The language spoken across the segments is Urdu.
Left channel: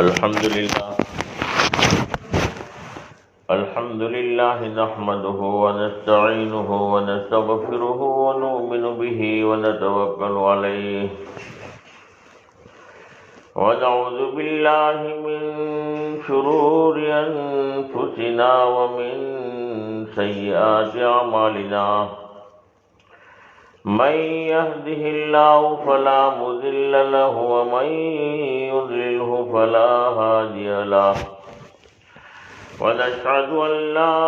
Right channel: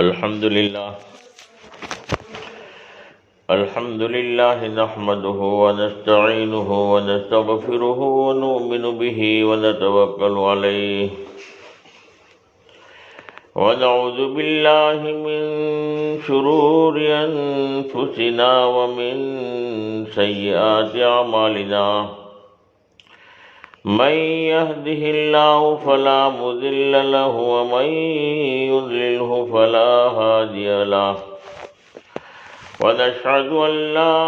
الحمد لله نحمده ونستعينه ونستغفره ونؤمن به ونتوكل عليه ونعوذ بالله من شرور أنفسنا ومن سيئات أعمالنا من يهده الله فلا مضل له ومن يضلله فلا هادي له ونشهد أن لا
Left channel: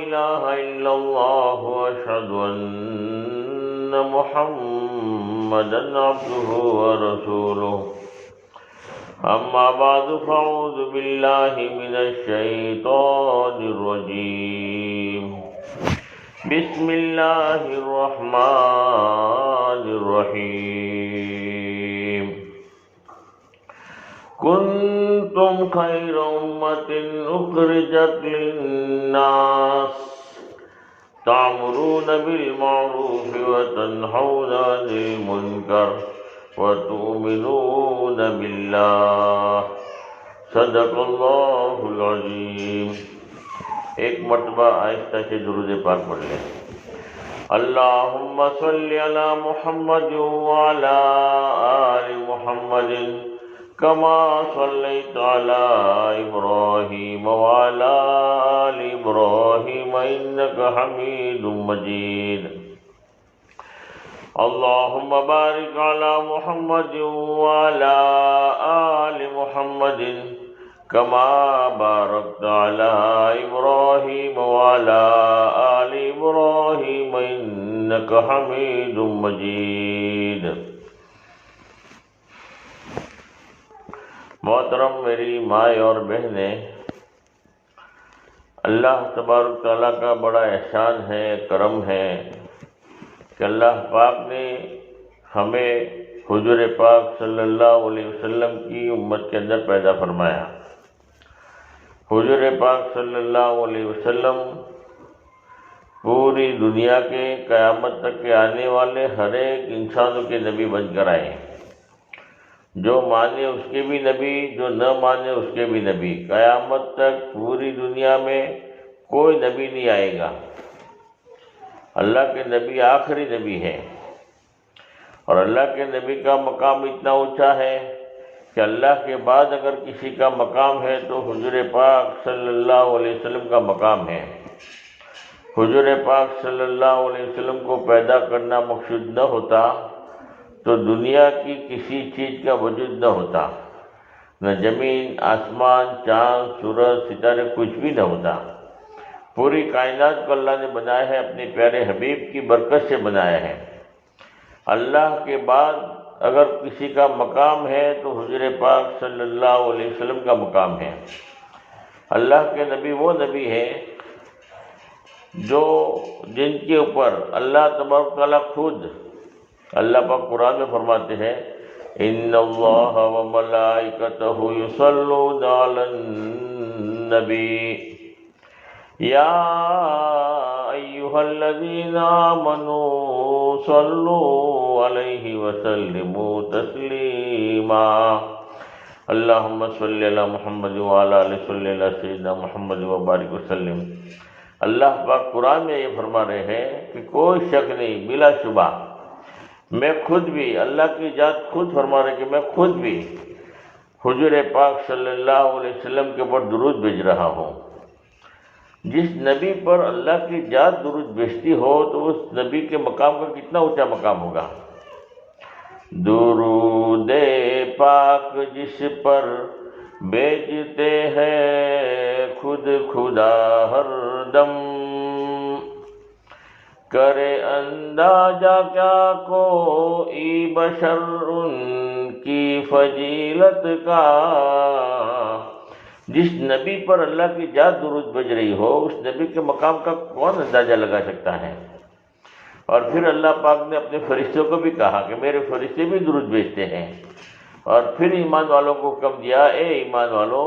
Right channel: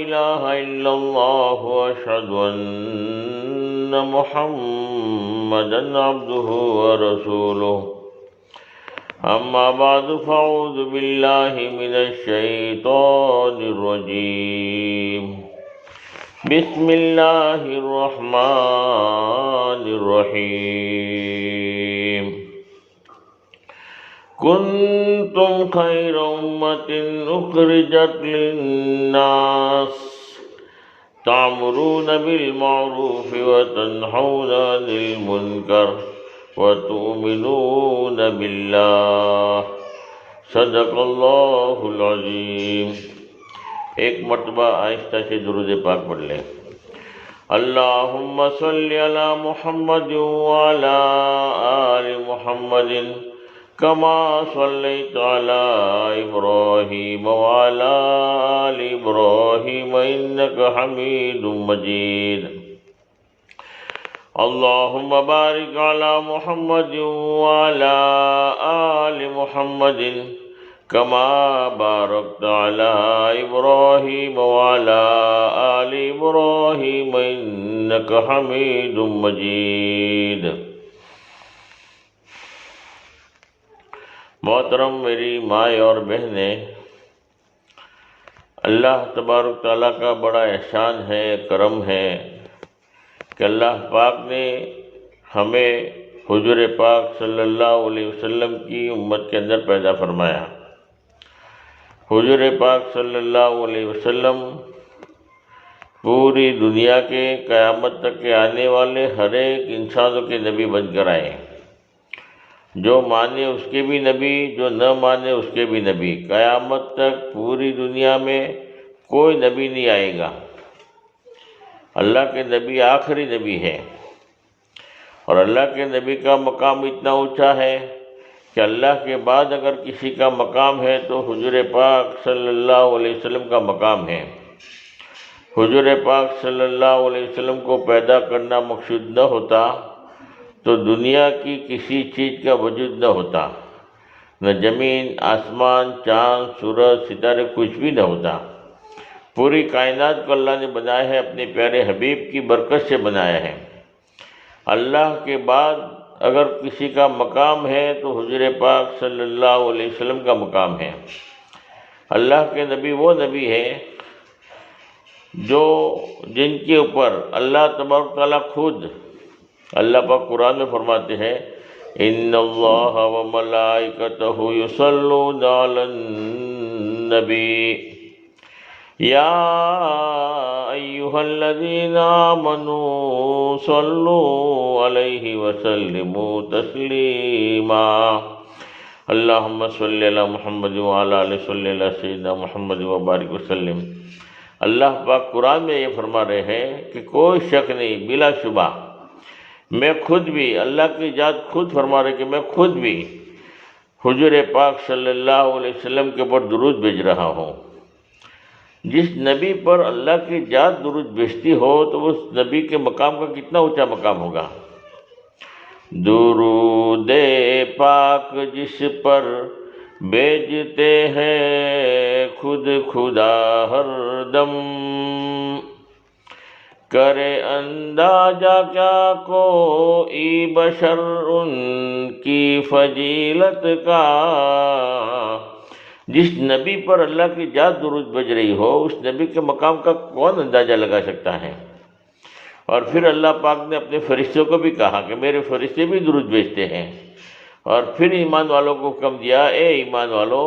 إله إلا الله وأشهد أن محمدا عبده ورسوله أما بعد فأعوذ بالله من الشيطان الرجيم بسم الله الرحمن الرحيم كنتم خير أمة أخرجت للناس تأمرون بالمعروف وتنهون عن المنكر وتؤمنون بالله صدق اللہ العظیم۔ ایک مرتبہ آہستہ سے درود پاک پڑھ لیں۔ اللہم صلی علی محمد وعلی آل محمد کما صلیت علی ابراہیم وعلی آل ابراہیم انک حمید مجید۔ اللہم بارک علی محمد وعلی آل محمد کما بارکت علی ابراہیم وعلی آل ابراہیم انک حمید مجید۔ محترم میری مائیں اور بہنیں، اللہ تبارک تعالیٰ کا بڑا احسان ہے، کرم ہے کہ اللہ پاک نے ہمیں حضور پاک صلی اللہ علیہ وسلم کی امت کے اندر پیدا فرمایا۔ حضور پاک صلی اللہ علیہ وسلم پوری دنیا کے قیامت تک کے آنے والے ہر ایک انسانوں کے نبی بن کر آئے۔ جو مانے اس کے بھی نبی، جو نہ مانے اس کے بھی نبی۔ قیامت تک پوری دنیا میں کوئی نبی نہیں آئے گا۔ اللہ کے نبی آخری نبی ہے، اور اللہ کے نبی کا مقام اتنا اونچا ہے کہ اللہ کے بعد اگر کسی کا مقام ہے تو حضور پاک صلی اللہ علیہ وسلم کا مقام ہے۔ حضور پاک صلی اللہ علیہ وسلم کو پیدا کرنا مقصود نہ ہوتا تو دنیا کی کسی چیز کا وجود نہ ہوتا، نہ زمین، آسمان، چاند، سورج، ستارے، کچھ بھی نہ ہوتا۔ پوری کائنات کو اللہ نے بنایا ہے، اپنے پیارے حبیب کی برکت سے بنایا ہے۔ اللہ کے بعد اگر کسی کا مقام ہے تو حضور پاک صلی اللہ علیہ وسلم کا مقام ہے۔ اللہ کے نبی وہ نبی ہے جن کے اوپر اللہ تبارک تعالیٰ خود، اللہ پاک قرآن میں فرماتے ہیں ان اللہ وملائکتہ یصلون علی النبی یا ایہا الذین آمنوا صلوا علیہ وسلموا تسلیما۔ اللہم صلی علی محمد وعلی آل صلی علی سیدنا محمد وبارک وسلم۔ اللہ پاک قرآن میں یہ فرما رہے ہیں کہ کوئی شک نہیں، بلا شبہ میں خود بھی، اللہ کی ذات خود فرما رہے کہ میں خود بھی حضور پاک صلی اللہ علیہ وسلم کے اوپر درود بھیج رہا ہوں۔ جس نبی پر اللہ کی ذات درود بھیجتی ہو تو اس نبی کے مقام کا کتنا اونچا مقام ہوگا۔ درود پاک جس پر بھیجتے ہیں خود خدا ہر دم، کرے اندازہ کیا کوئی بشر ان کی فضیلت کا۔ جس نبی پر اللہ کی ذات درود بھیج رہی ہو اس نبی کے مقام کا کون اندازہ لگا سکتا ہے؟ اور پھر اللہ پاک نے اپنے فرشتوں کو بھی کہا کہ میرے فرشتے بھی درود بھیجتے ہیں، اور پھر ایمان والوں کو حکم دیا اے ایمان والو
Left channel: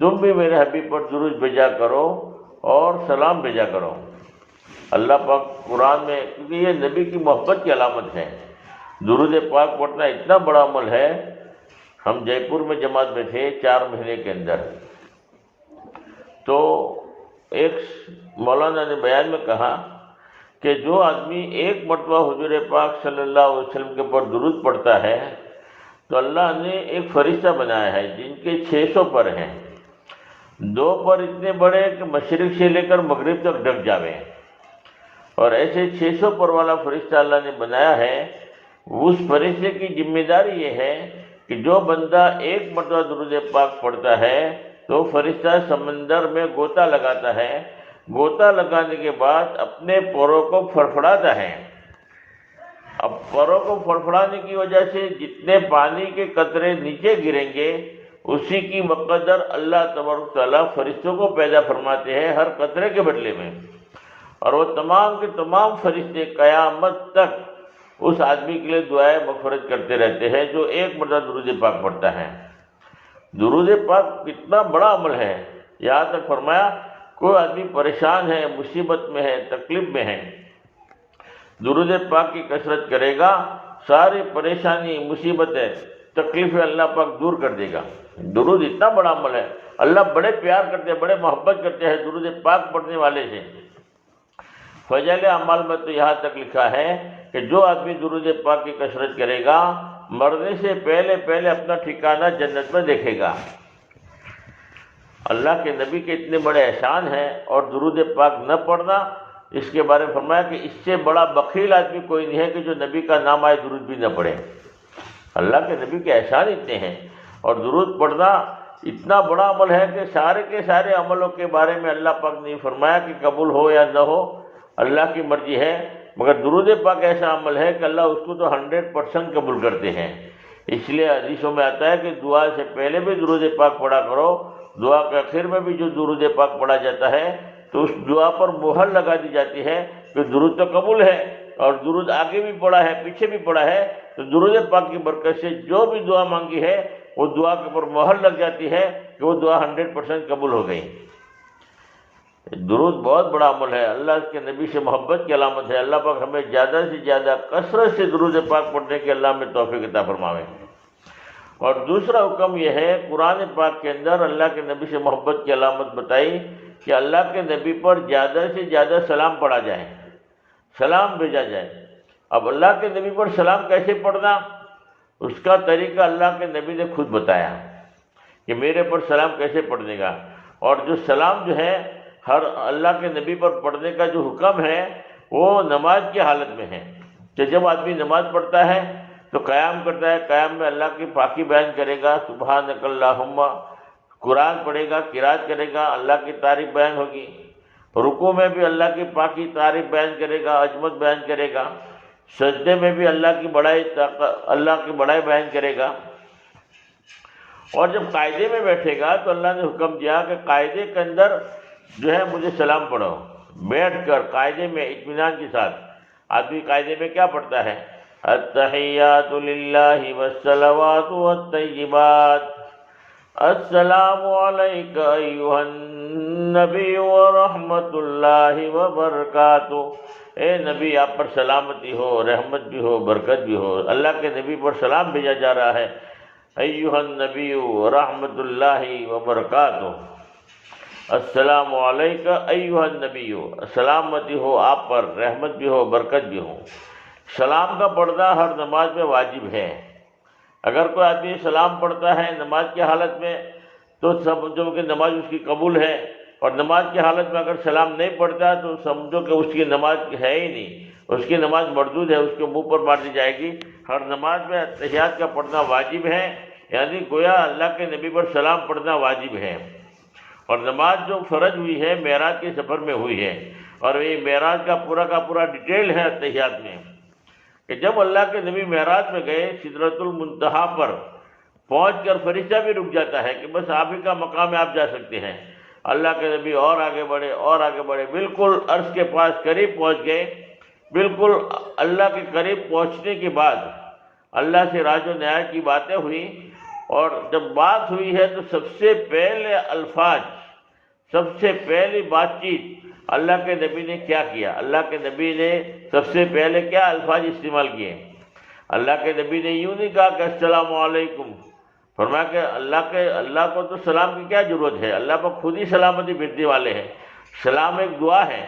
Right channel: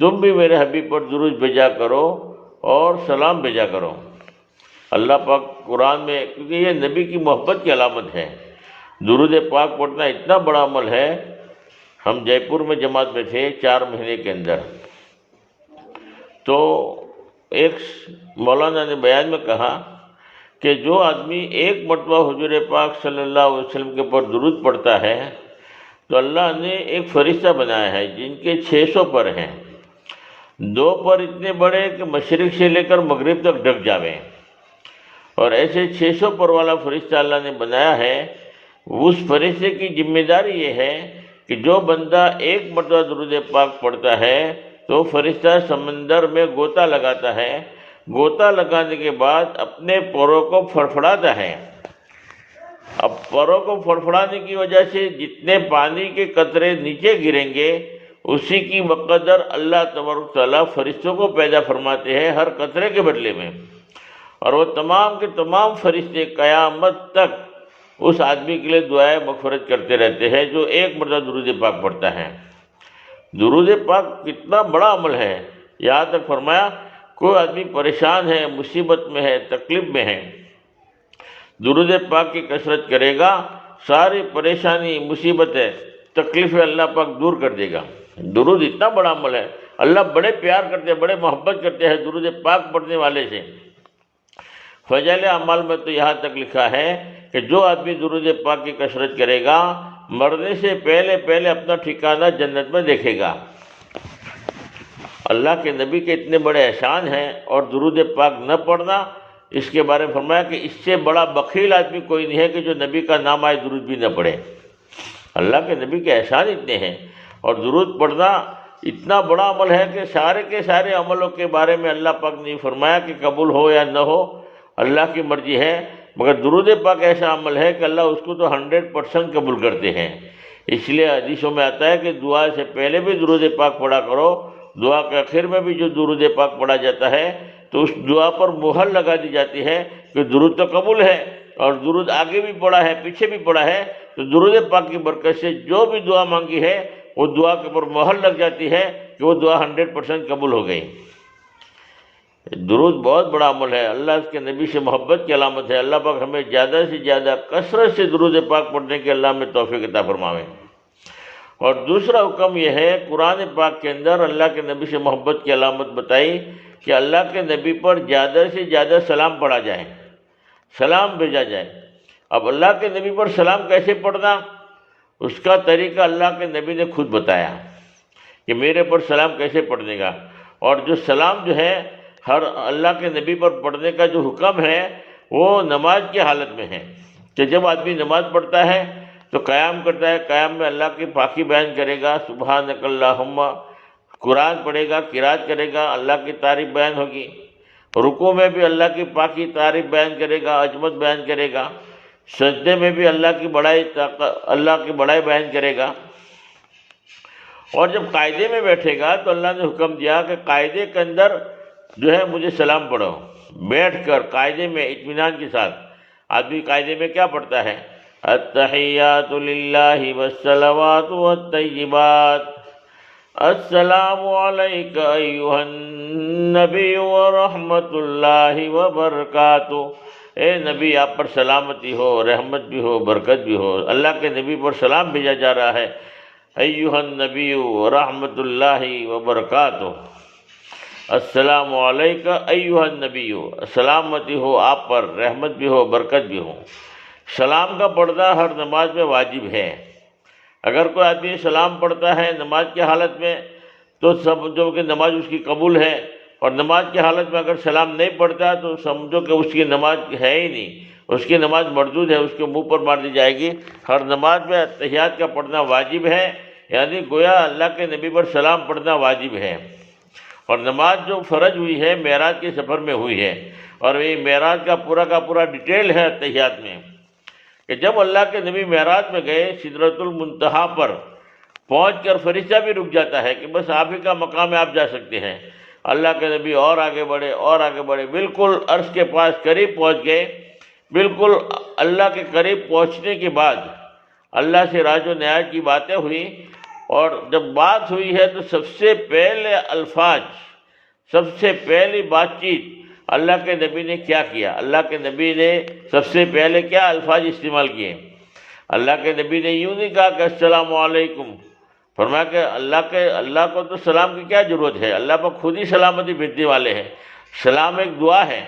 تم بھی میرے حبیب پر درود بھیجا کرو اور سلام بھیجا کرو۔ اللہ پاک قرآن میں، کیونکہ یہ نبی کی محبت کی علامت ہے، درود پاک پڑھنا اتنا بڑا عمل ہے، ہم جے پور میں جماعت میں تھے 4 مہینے کے اندر، تو ایک مولانا نے بیان میں کہا کہ جو آدمی ایک مرتبہ حضور پاک صلی اللہ علیہ وسلم کے اوپر درود پڑھتا ہے تو اللہ نے ایک فرشتہ بنایا ہے جن کے 600 پر ہیں، 2 پر اتنے بڑے کہ مشرق سے لے کر مغرب تک ڈھک جاویں، اور ایسے 600 پر والا فرشتہ اللہ نے بنایا ہے۔ اس فرشتے کی ذمہ داری یہ ہے کہ جو بندہ ایک مرتبہ درود پاک پڑھتا ہے تو فرشتہ سمندر میں غوطہ لگاتا ہے، غوطہ لگانے کے بعد اپنے پروں کو پھڑپھڑاتا ہے۔ اب پروں کو پھڑپھڑانے کی وجہ سے جتنے پانی کے قطرے نیچے گریں گے اسی کی مقدر اللہ تبارک تعالیٰ فرشتوں کو پیدا فرماتے ہیں ہر قطرے کے بدلے میں، اور وہ تمام کے تمام فرشتے قیامت تک اس آدمی کے لیے دعائیں مغفرت کرتے رہتے ہیں جو ایک مرتبہ درود پاک پڑھتا ہے۔ درود پاک کتنا بڑا عمل ہے، یہاں تک فرمایا کوئی آدمی پریشان ہے، مصیبت میں ہے، تکلیف میں ہے، درود پاک کی کثرت کرے گا، ساری پریشانی، مصیبتیں، تکلیفیں اللہ پاک دور کر دے گا۔ درود اتنا بڑا عمل ہے، اللہ بڑے پیار کرتے ہیں، بڑے محبت کرتے ہیں درود پاک پڑھنے والے سے۔ فضائل اعمال میں تو یہاں تک لکھا ہے کہ جو آدمی درود پاک کی کثرت کرے گا مرنے سے پہلے پہلے اپنا ٹھکانہ جنت میں دیکھے گا۔ اللہ کے نبی کے اتنے بڑے احسان ہیں، اور درود پاک نہ پڑھنا، اس کے بارے میں فرمایا کہ اس سے بڑا بخیل آدمی کوئی نہیں ہے کہ جو نبی کا نام آئے درود بھی نہ پڑھے۔ اللہ کے نبی کے احسان اتنے ہیں، اور درود پڑھنا اتنا بڑا عمل ہے کہ سارے کے سارے عملوں کے بارے میں اللہ پاک نے فرمایا کہ قبول ہو یا نہ ہو اللہ کی مرضی ہے، مگر درود پاک ایسا عمل ہے کہ اللہ اس کو تو 100% قبول کرتے ہیں۔ اس لیے حدیثوں میں آتا ہے کہ دعا سے پہلے بھی درود پاک پڑھا کرو، دعا کے آخر میں بھی جو درود پاک پڑھا جاتا ہے تو اس دعا پر مہر لگا دی جاتی ہے کہ درود تو قبول ہے، اور درود آگے بھی پڑھا ہے پیچھے بھی پڑھا ہے، تو درود پاک کی برکت سے جو بھی دعا مانگی ہے وہ دعا کے اوپر مہر لگ جاتی ہے کہ وہ دعا 100% قبول ہو گئی۔ درود بہت بڑا عمل ہے، اللہ اس کے نبی سے محبت کی علامت ہے۔ اللہ پاک ہمیں زیادہ سے زیادہ کثرت سے درود پاک پڑھنے کے اللہ میں توفیق عطا فرمائے۔ اور دوسرا حکم یہ ہے، قرآن پاک کے اندر اللہ کے نبی سے محبت کی علامت بتائی کہ اللہ کے نبی پر زیادہ سے زیادہ سلام پڑھا جائے، سلام بھیجا جائے۔ اب اللہ کے نبی پر سلام کیسے پڑھنا، اس کا طریقہ اللہ کے نبی نے خود بتایا کہ میرے پر سلام کیسے پڑھنے کا۔ اور جو سلام جو ہے ہر اللہ کے نبی پر پڑھنے کا جو حکم ہے وہ نماز کی حالت میں ہے کہ جب آدمی نماز پڑھتا ہے تو قیام کرتا ہے، قیام میں اللہ کی پاکی بیان کرے گا، سبحانک اللہم، قرآن پڑھے گا، قرات کرے گا، اللہ کی تعریف بیان ہوگی، رکوع میں بھی اللہ کی پاکی تعریف بیان کرے گا، عظمت بیان کرے گا، سجدے میں بھی اللہ کی بڑائی بیان کرے گا۔ اور جب قاعدے میں بیٹھے گا تو اللہ نے حکم دیا کہ قاعدے کے اندر جو ہے مجھے سلام پڑھو، بیٹھ کر قاعدے میں اطمینان کے ساتھ۔ آدمی قاعدے میں کیا پڑھتا ہے؟ التحیات للہ والصلوات والطیبات، السلام علیک ایھا النبی ورحمۃ اللہ وبرکاتہ۔ اے نبی آپ پر سلامتی ہو، رحمت بھی ہو، برکت بھی ہو۔ اللہ کے نبی پر سلام بھیجا جا رہا ہے، ایھا النبی ورحمۃ اللہ وبرکاتہ، السلام علیکم ایھا النبی، سلامتی ہو آپ پر، رحمت بھی ہو، برکت بھی ہو۔ سلام کا پڑھنا ہر نماز میں واجب ہے۔ اگر کوئی آدمی سلام پڑھتا ہے نماز کی حالت میں تو سمجھو کہ نماز اس کی قبول ہے، اور نماز کی حالت میں اگر سلام نہیں پڑھتا تو سمجھو کہ اس کی نماز ہے ہی نہیں، اس کی نماز مردود ہے، اس کے منہ پر مار دی جائے گی۔ ہر نماز میں اتحیات کا پڑھنا واجب ہے، یعنی گویا اللہ کے نبی پر سلام پڑھنا واجب ہے۔ اور نماز جو فرض ہوئی ہے معراج کے سفر میں ہوئی ہے، اور یہ معراج کا پورا ڈیٹیل ہے اتحیات میں کہ جب اللہ کے نبی معراج میں گئے سدرۃ المنتہا پر پہنچ کر فرشتہ بھی رک جاتا ہے کہ بس آپ ہی کا مقام ہے، آپ جا سکتے ہیں۔ اللہ کے نبی اور آگے بڑھے اور آگے بڑھے، بالکل عرش کے پاس قریب پہنچ گئے۔ بالکل اللہ کے قریب پہنچنے کے بعد اللہ سے راج و نیاز کی باتیں ہوئی، اور جب بات ہوئی ہے تو سب سے پہلے الفاظ، سب سے پہلی بات چیت اللہ کے نبی نے کیا کیا؟ اللہ کے نبی نے سب سے پہلے کیا الفاظ استعمال کیے؟ اللہ کے نبی نے یوں نہیں کہا کہ السلام علیکم، فرمایا کہ اللہ کو تو سلام کی کیا ضرورت ہے، اللہ پر خود ہی سلامتی بھیجنے والے ہیں۔ سلام ایک دعا ہے۔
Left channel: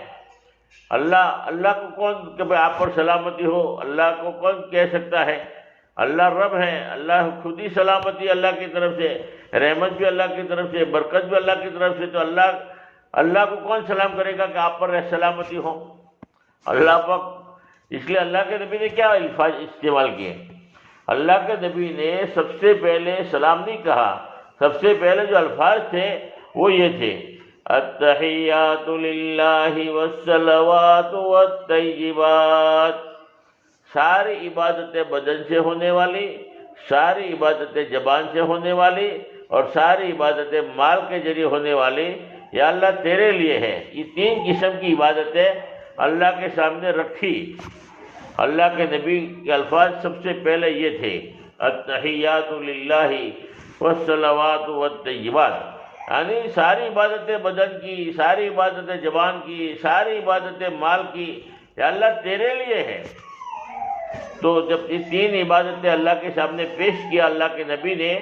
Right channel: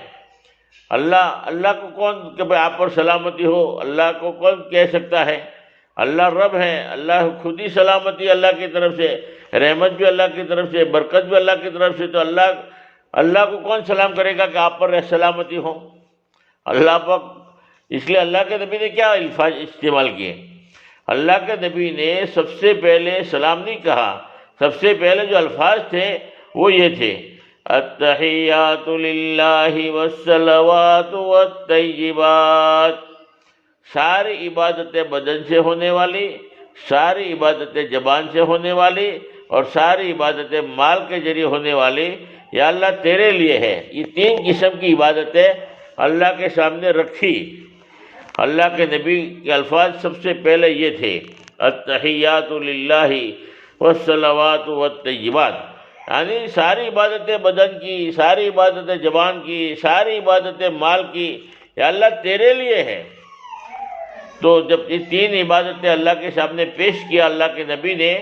اللہ کو کون کہ بھائی آپ پر سلامتی ہو، اللہ کو کون کہہ سکتا ہے؟ اللہ رب ہے، اللہ خود ہی سلامتی اللہ کی طرف سے، رحمت بھی اللہ کی طرف سے، برکت بھی اللہ کی طرف سے، تو اللہ کو کون سلام کرے گا کہ آپ پر سلامتی ہو؟ اللہ پر۔ اس لیے اللہ کے نبی نے کیا الفاظ استعمال کیے؟ اللہ کے نبی نے سب سے پہلے سلام نہیں کہا، سب سے پہلے جو الفاظ تھے وہ یہ تھے، التحیات للہ والصلوات والطیبات۔ ساری عبادتیں بدن سے ہونے والی، ساری عبادتیں زبان سے ہونے والی، اور ساری عبادتیں مال کے ذریعے ہونے والی، یا اللہ تیرے لیے ہے۔ یہ تین قسم کی عبادتیں اللہ کے سامنے رکھی۔ اللہ کے نبی کے الفاظ سب سے پہلے یہ تھے، التحیات للہ والصلوات والطیبات، یعنی ساری عبادتیں بدن کی، ساری عبادتیں زبان کی، ساری عبادتیں مال کی، یا اللہ تیرے لیے ہے۔ تو جب یہ تین عبادتیں اللہ کے سامنے پیش کیا اللہ کے نبی نے،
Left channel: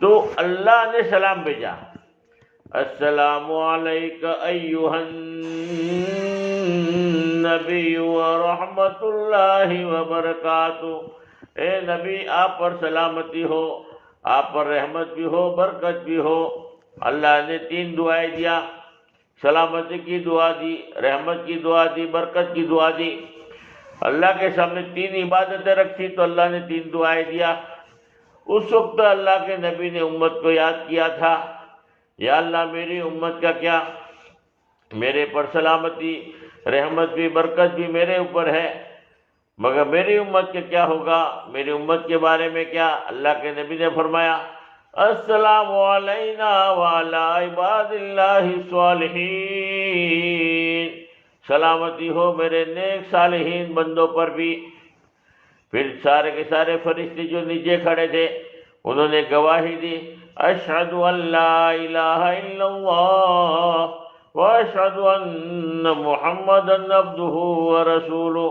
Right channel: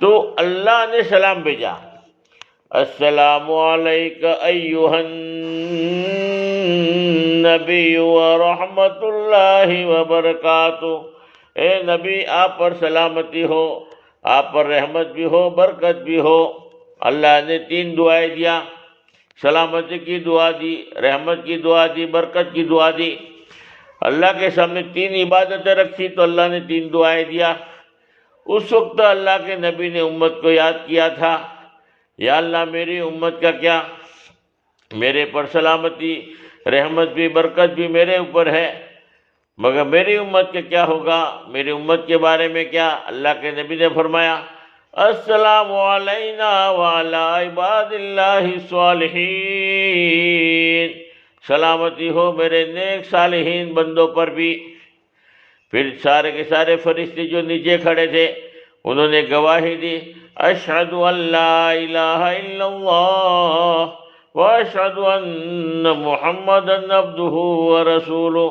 تو اللہ نے سلام بھیجا، السلام علیک ایھا النبی ورحمۃ اللہ وبرکاتہ۔ اے نبی آپ پر سلامتی ہو، آپ پر رحمت بھی ہو، برکت بھی ہو۔ اللہ نے تین دعائیں دیا، سلامتی کی دعا دی، رحمت کی دعا دی، برکت کی دعا دی۔ اللہ کے سامنے تین عبادتیں رکھی تو اللہ نے تین دعائیں دیا۔ اس وقت اللہ کے نبی نے امت کو یاد کیا تھا، یا اللہ میری امت کا کیا، میرے پر سلامتی، رحمت بھی، برکت بھی میرے اوپر ہے، مگر میری امت کے کیا ہوگا، میری امت کے بارے میں کیا؟ اللہ کے نبی نے فرمایا، السلام علینا وعلی عباد اللہ الصالحین، سلامتی ہو میرے نیک صالحین بندوں پر بھی۔ پھر سارے کے سارے فرشتے جو نیچے کھڑے تھے انہوں نے گواہی دی، اشہد ان لا الہ الا اللہ واشہد ان محمدا عبدہ ورسولہ۔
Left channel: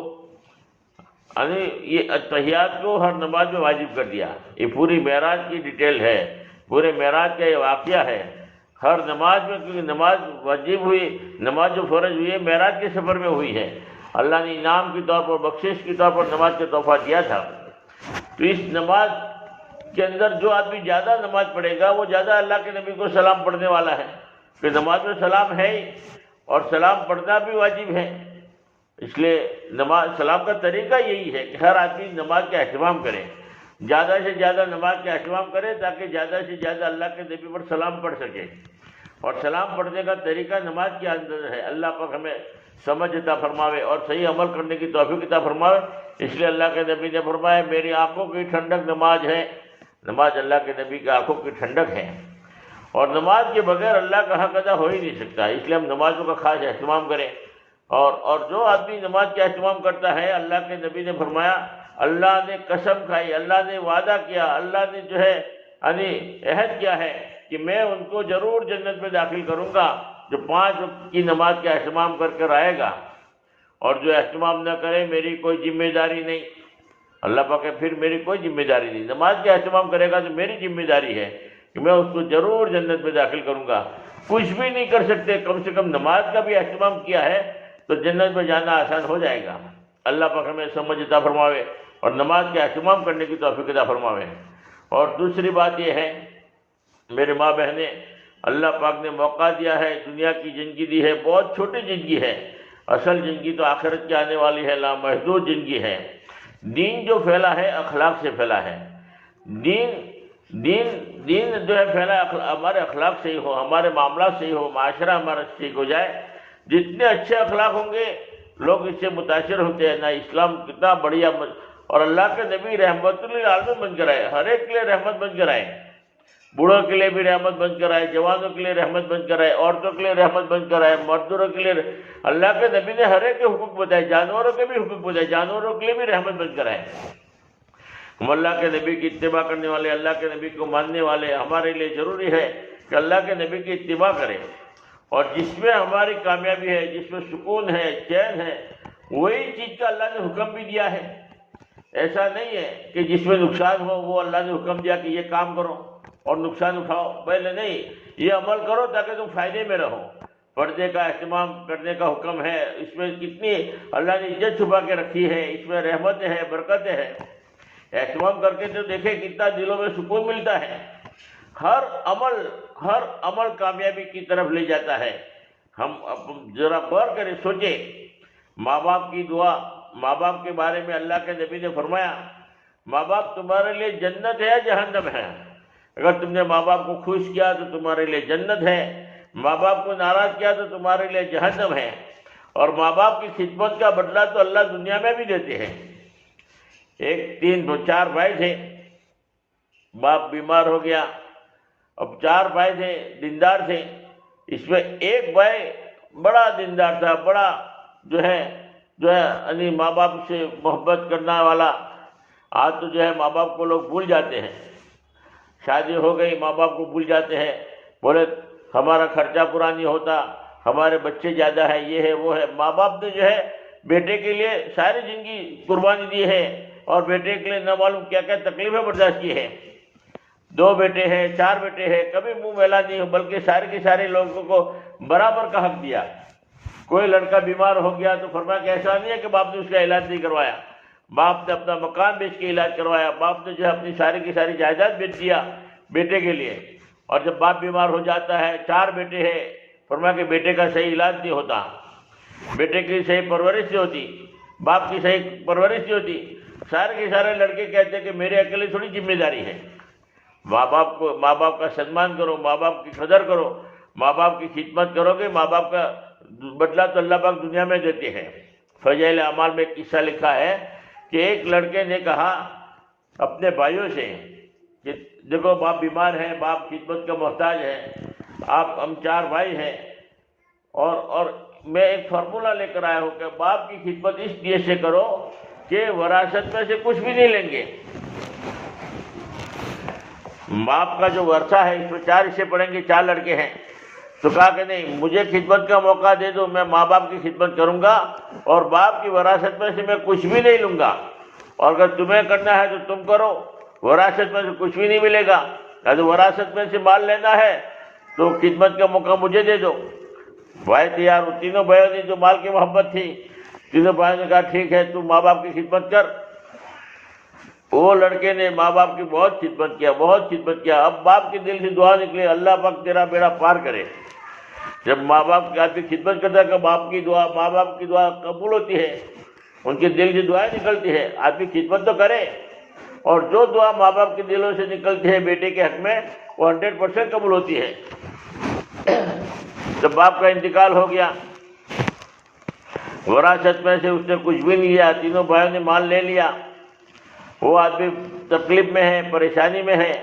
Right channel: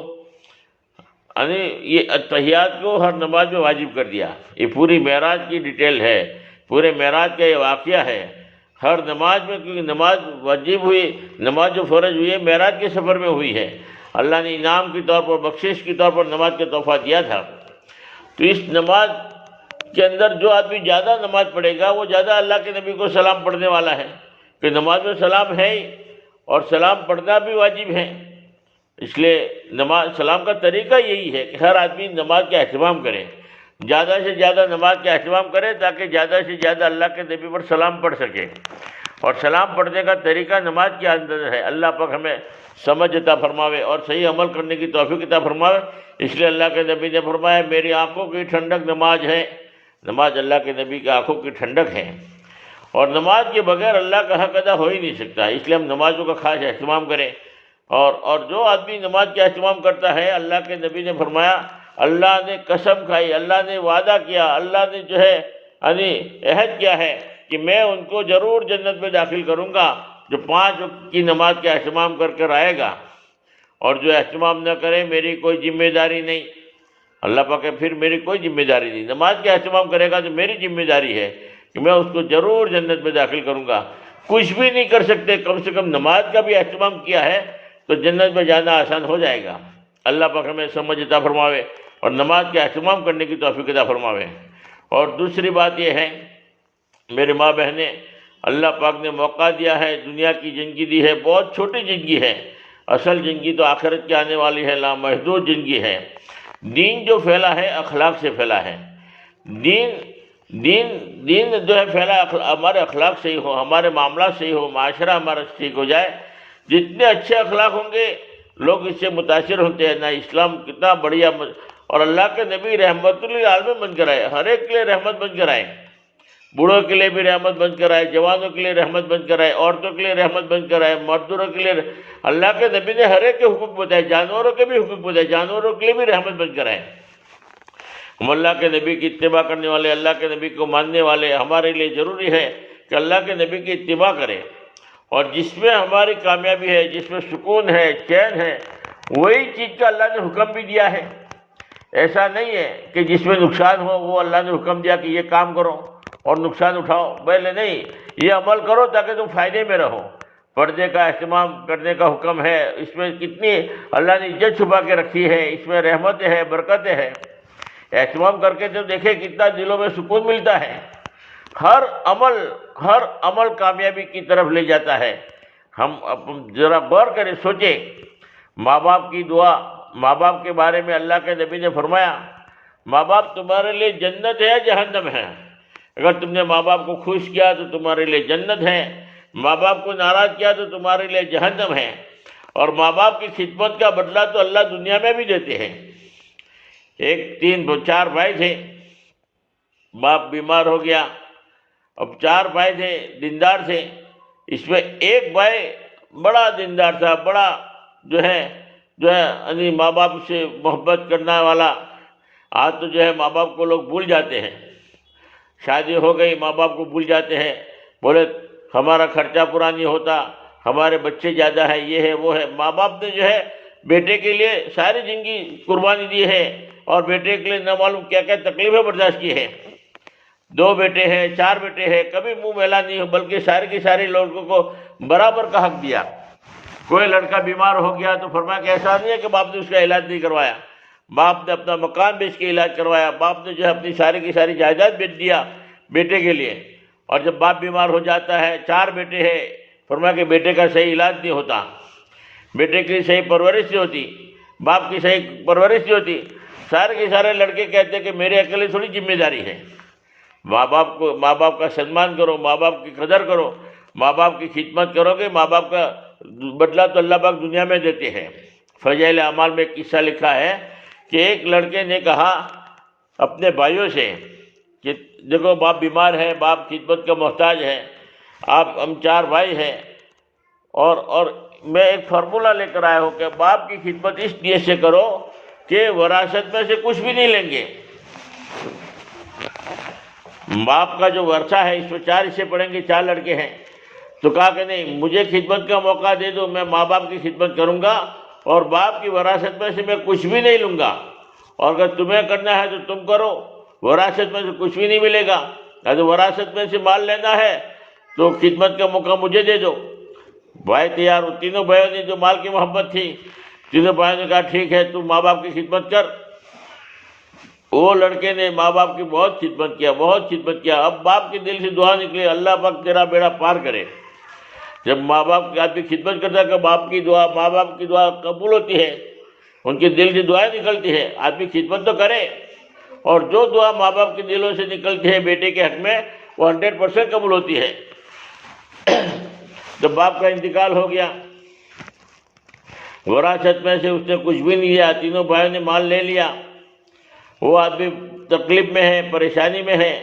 یعنی یہ اتحیات کو ہر نماز میں واجب کر دیا۔ یہ پوری معراج کی ڈیٹیل ہے، پورے معراج کا یہ واقعہ ہے۔ ہر نماز میں، کیونکہ نماز واجب ہوئی، نماز جو فرض ہوئی ہے معراج کے سفر میں ہوئی ہے، اللہ نے انعام کے طور پر، بخشش کے طور پر نماز کا تحفہ دیا تھا۔ تو اس نماز کے اندر جو آدمی زیادہ نماز پڑھے گا وہ زیادہ اللہ کے نبی کو سلام پڑھنے والا ہے، کہ نماز میں سلام ہے ہی، اور سلام پڑھنا بھی واجب ہے۔ اس لیے نماز، سلام کا طریقہ یہی ہے کہ ہر آدمی نماز کا اہتمام کرے، زیادہ سے زیادہ نماز کا اہتمام کرے، تاکہ زیادہ سے زیادہ اللہ کے نبی پر سلام پڑھ سکے۔ اور سلام پڑھنے کا طریقہ نماز کے اندر ہے۔ اللہ پاک ہمیں سمجھ عطا فرماوے اور صحیح عمل کرنے کی توفیق عطا فرماوے۔ اس لیے اللہ کے نبی نے فرمایا، میری آنکھوں کی ٹھنڈک نماز ہے۔ نماز اللہ کے نبی کی آنکھوں کی ٹھنڈک ہے، اور نماز کے بغیر اللہ کا حق ادا ہو ہی نہیں سکتا۔ اس لیے ہم نمازوں کا خاص اہتمام کریں، اور جو آدمی نماز کا اہتمام کرتا ہے، اللہ کے نبی نے فرمایا، اللہ نے قسم کھائی، اللہ نے وعدہ کیا، اللہ نے جو ہے یعنی عہد کیا ہے کہ میں ان کو ضرور جنت میں داخل کروں گا، جو 5 وقت کی نماز کا اہتمام کر کر آئے گا، اور جو اہتمام نہ کرے میری کوئی ذمہ داری نہیں۔ اللہ پاک کہ پھر میری کوئی ذمہ داری نہیں، نماز کا اہتمام کرے گا تو میری ذمہ داری ہے کہ میں اس کو ضرور جنت میں داخل کروں گا۔ کچھ بھی نہیں کر سکتے، کم سے کم نماز کا بھی اہتمام کیا ہے تو جنت میں جانا آسان ہو جائے گا۔ اللہ پاک ہمیں سمجھ عطا فرماوے اور نماز کا اہتمام کرنے کی توفیق عطا فرماوے۔ اور دوسری بات یہ ہے، میرے ماں بہنیں، اللہ پاک نے موقع دیا ہے، دنیا کی زندگی دی ہے، بہت چھوٹی زندگی ہے، اصل زندگی تو آخرت کے آنے والی ہے، لامحدود زندگی ہے۔ دین جو پھیلا ہے اخلاق سے پھیلا ہے۔ دین جو ہے پھیلا ہمارے اخلاق صحیح ہو، ہمارے معاملات صحیح ہو، معاشرہ ہمارا ٹھیک ہو جائے۔ جتنے اچھے اخلاق ہوں گے لوگ اس سے متاثر ہوتے ہیں۔ نہ اسلام کتنا بڑھیا، اور اللہ کے نبی رحمت للعالمین بن کر آئے، ہر ایک کے لیے رحمت بن کر آئے، بوڑھوں کے لیے بھی رحمت بن کر آئے، جوانوں کے لیے رحمت بن کر آئے، عورتوں کے لیے رحمت بن کر آئے، مردوں کے لیے۔ اللہ کے نبی نے ہر ایک کے حقوق بتائے، جانوروں کے بھی حقوق بتائے، جانوروں کے لیے بھی رحمت بن کر آئے۔ ہم اللہ کے نبی کی اتباع کرنے والے، اللہ کے نبی کو ماننے والے، ہمارے لیے ضروری ہے کہ اللہ کے نبی کی اتباع کریں، اور جس میں ہماری کامیابی ہے، جس میں سکون ہے، چین ہے، وہی چیز کا اللہ نے حکم بھی دیا ہے۔ ایسا نہیں ہے کہ جس میں نقصان ہو وہ اللہ نے حکم دیا کہ یہ کام کرو، اور نقصان اٹھاؤ، پہلے نہیں، یہ عمل کرو تاکہ تم فائدے میں رہو۔ پردے کا اہتمام کرنے کا حکم ہے، اس میں کتنی اللہ نے عزت چھپا کے رکھی ہے، اس میں رحمتیں ہے، برکتیں ہے۔ اہتمام کر کے تو دیکھیں کتنا دلوں میں سکون ملتا ہے۔ ہر عمل کامیابی کی طرف لے جاتا ہے۔ ہم ذرا غور کریں، سوچیں، ماں باپ کی دعا، ماں باپ کے بارے میں اللہ کے نبی نے فرمایا ماں باپ تمہارے لیے جنت ہے یا جہنم ہے؟ اگر تم نے ماں باپ کو خوش کیا تو تمہارے لیے جنت ہے، ماں باپ کو ناراض کیا تو تمہارے لیے جہنم ہے۔ اور ماں باپ کی خدمت کا بدلہ تو اللہ دنیا میں بھی دیتے ہیں۔ چار بھائی تھے، باپ بیمار ہو گیا، اب 4 بھائی تھے، دیندار تھے، اس میں ایک بھائی بڑا دیندار تھا، بڑا جو ہے یعنی ماں باپ سے محبت کرنے والا۔ آج تو جو ہے ماں باپ کو لوگ بھول جاتے ہیں، شادی ہو گئی ماں باپ کو بھول جاتے ہیں، بولے ہمارا خرچہ پورا نہیں ہوتا، ہمارے بچے زیادہ ہیں، یہ ہے وہ ہے۔ ماں باپ نے جو ہے بیٹے کے لیے ساری زندگی قربانی دی ہے، اور بیٹے کے لیے نہ معلوم کیا کیا تکلیفیں برداشت کی ہے۔ 2 بیٹے ہیں، 4 بیٹے ہیں، کبھی منہ میلا نہیں ہو، بلکہ سارے کے سارے لوگوں کو برابر کا حق دیا۔ کوئی لڑکا بیمار ہو گیا تو فرمایا کہ ایسا نہیں ہے کہ باپ نے اس کا علاج نہیں کروایا، باپ نے اپنا مکان بیچ کے علاج کروایا، باپ نے جو ہے اپنی ساری کی ساری جائیداد بیچ دیا بیٹے کے لیے۔ اور جب باپ بیمار ہو جاتا ہے، 4 بیٹے ہیں، فرمایا کہ بیٹے کا صحیح علاج نہیں ہوتا، بیٹے کی صحیح پرورش نہیں ہوتی، باپ کی صحیح پرورش نہیں ہوتی۔ سارے کے سارے لڑکے کہتے ہیں کہ میرے اکیلے تھوڑی ذمہ داری ہے۔ ماں باپ کا سنمان کرو، ماں باپ کی قدر کرو، ماں باپ کی خدمت کرو گے، ماں باپ کا بدلہ تو اللہ پاک دنیا میں دیتے ہیں۔ فضائل اعمال میں ایک قصہ لکھا ہے کہ ایک لڑکے نے کہا اپنے بھائیوں سے کہ دیکھو باپ بیمار ہے، باپ خدمت کا محتاج ہے، ہم 4 بھائی ہیں، اور میں ایک فارمولہ لے کر آیا ہوں کہ باپ کی خدمت اس نیت سے کرو کہ وراثت میں سے کچھ بھی نہیں لیں گے۔ باپ کا جو ورثہ ہے اس میں 4 حصے پڑیں گے، 4 لڑکے ہیں، تو کہا کہ نہیں، مجھے خدمت کا موقع دے دو، میں ماں باپ کی خدمت کروں گا، اور باپ کی وراثت میں سے میں کچھ بھی نہیں لوں گا، اور اگر تمہیں کرنا ہے تو تم کرو، وراثت میں سے کچھ بھی نہیں ملے گا۔ اگر وراثت میں سے مال لینا ہے تو خدمت کا موقع مجھے دے دو۔ بھائی تیار، تینوں بھائیوں نے جو مال کی محبت تھی، تینوں بھائیوں نے کہا ٹھیک ہے، تم ماں باپ کی خدمت کر۔ وہ لڑکے نے ماں باپ کی بہت خدمت کیا۔ اب باپ کے دل سے دعا نکلی، اللہ پاک تیرا بیڑا پار کرے۔ جب ماں باپ کی آدمی خدمت کرتا ہے کہ ماں باپ کی دعا قبول ہوتی ہے، ان کے دل سے دعائیں نکلتی ہے، آدمی خدمت تو کرے، اور جو دعا ماں باپ کے دلوں سے نکلتی ہے بیٹے کے حق میں وہ 100% قبول ہوتی ہے۔ جب باپ کا انتقال ہو گیا، وراثت میں سے اس نے کچھ بھی نہیں لیا، تینوں بھائیوں نے مال لے لیا، وہ آدمی تکلیف میں ہے، پریشانی میں ہے،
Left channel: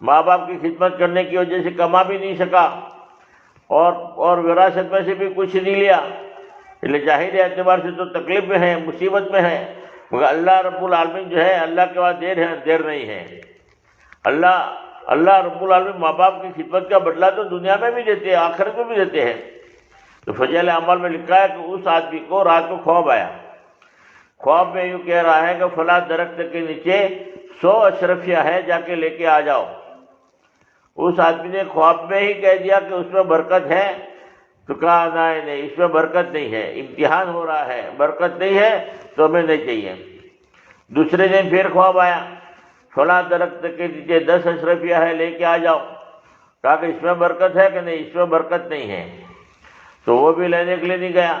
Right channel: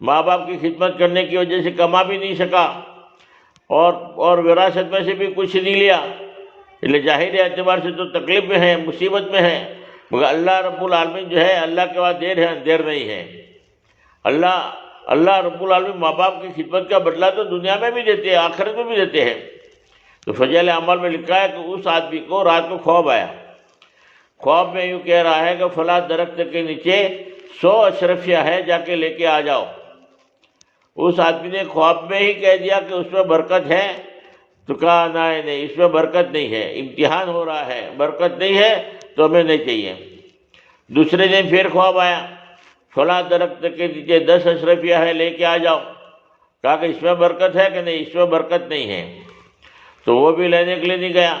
ماں باپ کی خدمت کرنے کی وجہ سے کما بھی نہیں سکا، اور وراثت میں سے بھی کچھ نہیں لیا، اس لیے ظاہری اعتبار سے تو تکلیف میں ہے، مصیبت میں ہے، مگر اللہ رب العالمین جو ہے، اللہ کے بعد دیر نہیں ہے۔ اللہ رب العالمین ماں باپ کی خدمت کا بدلہ تو دنیا میں بھی دیتے ہیں، آخرت میں بھی دیتے ہیں۔ تو فضائل اعمال میں لکھا ہے کہ اس آدمی کو رات کو خواب آیا، خواب میں یوں کہہ رہا ہے کہ فلاں درخت کے نیچے 100 اشرفیاں ہیں، جا کے لے کے آ جاؤ۔ اس آدمی نے خواب میں ہی کہہ دیا کہ اس میں برکت ہے، تو کہا نہیں، اس میں برکت نہیں ہے، امتحان ہو رہا ہے، برکت نہیں ہے تو ہمیں نہیں چاہیے۔ دوسرے دن پھر خواب آیا، فلاں درخت کے نیچے 10 اشرفیاں ہیں، لے کے آ جاؤ۔ کہا کہ اس میں برکت ہے کہ نہیں، اس میں برکت نہیں ہے، تو وہ بھی لینے کے لیے نہیں گیا۔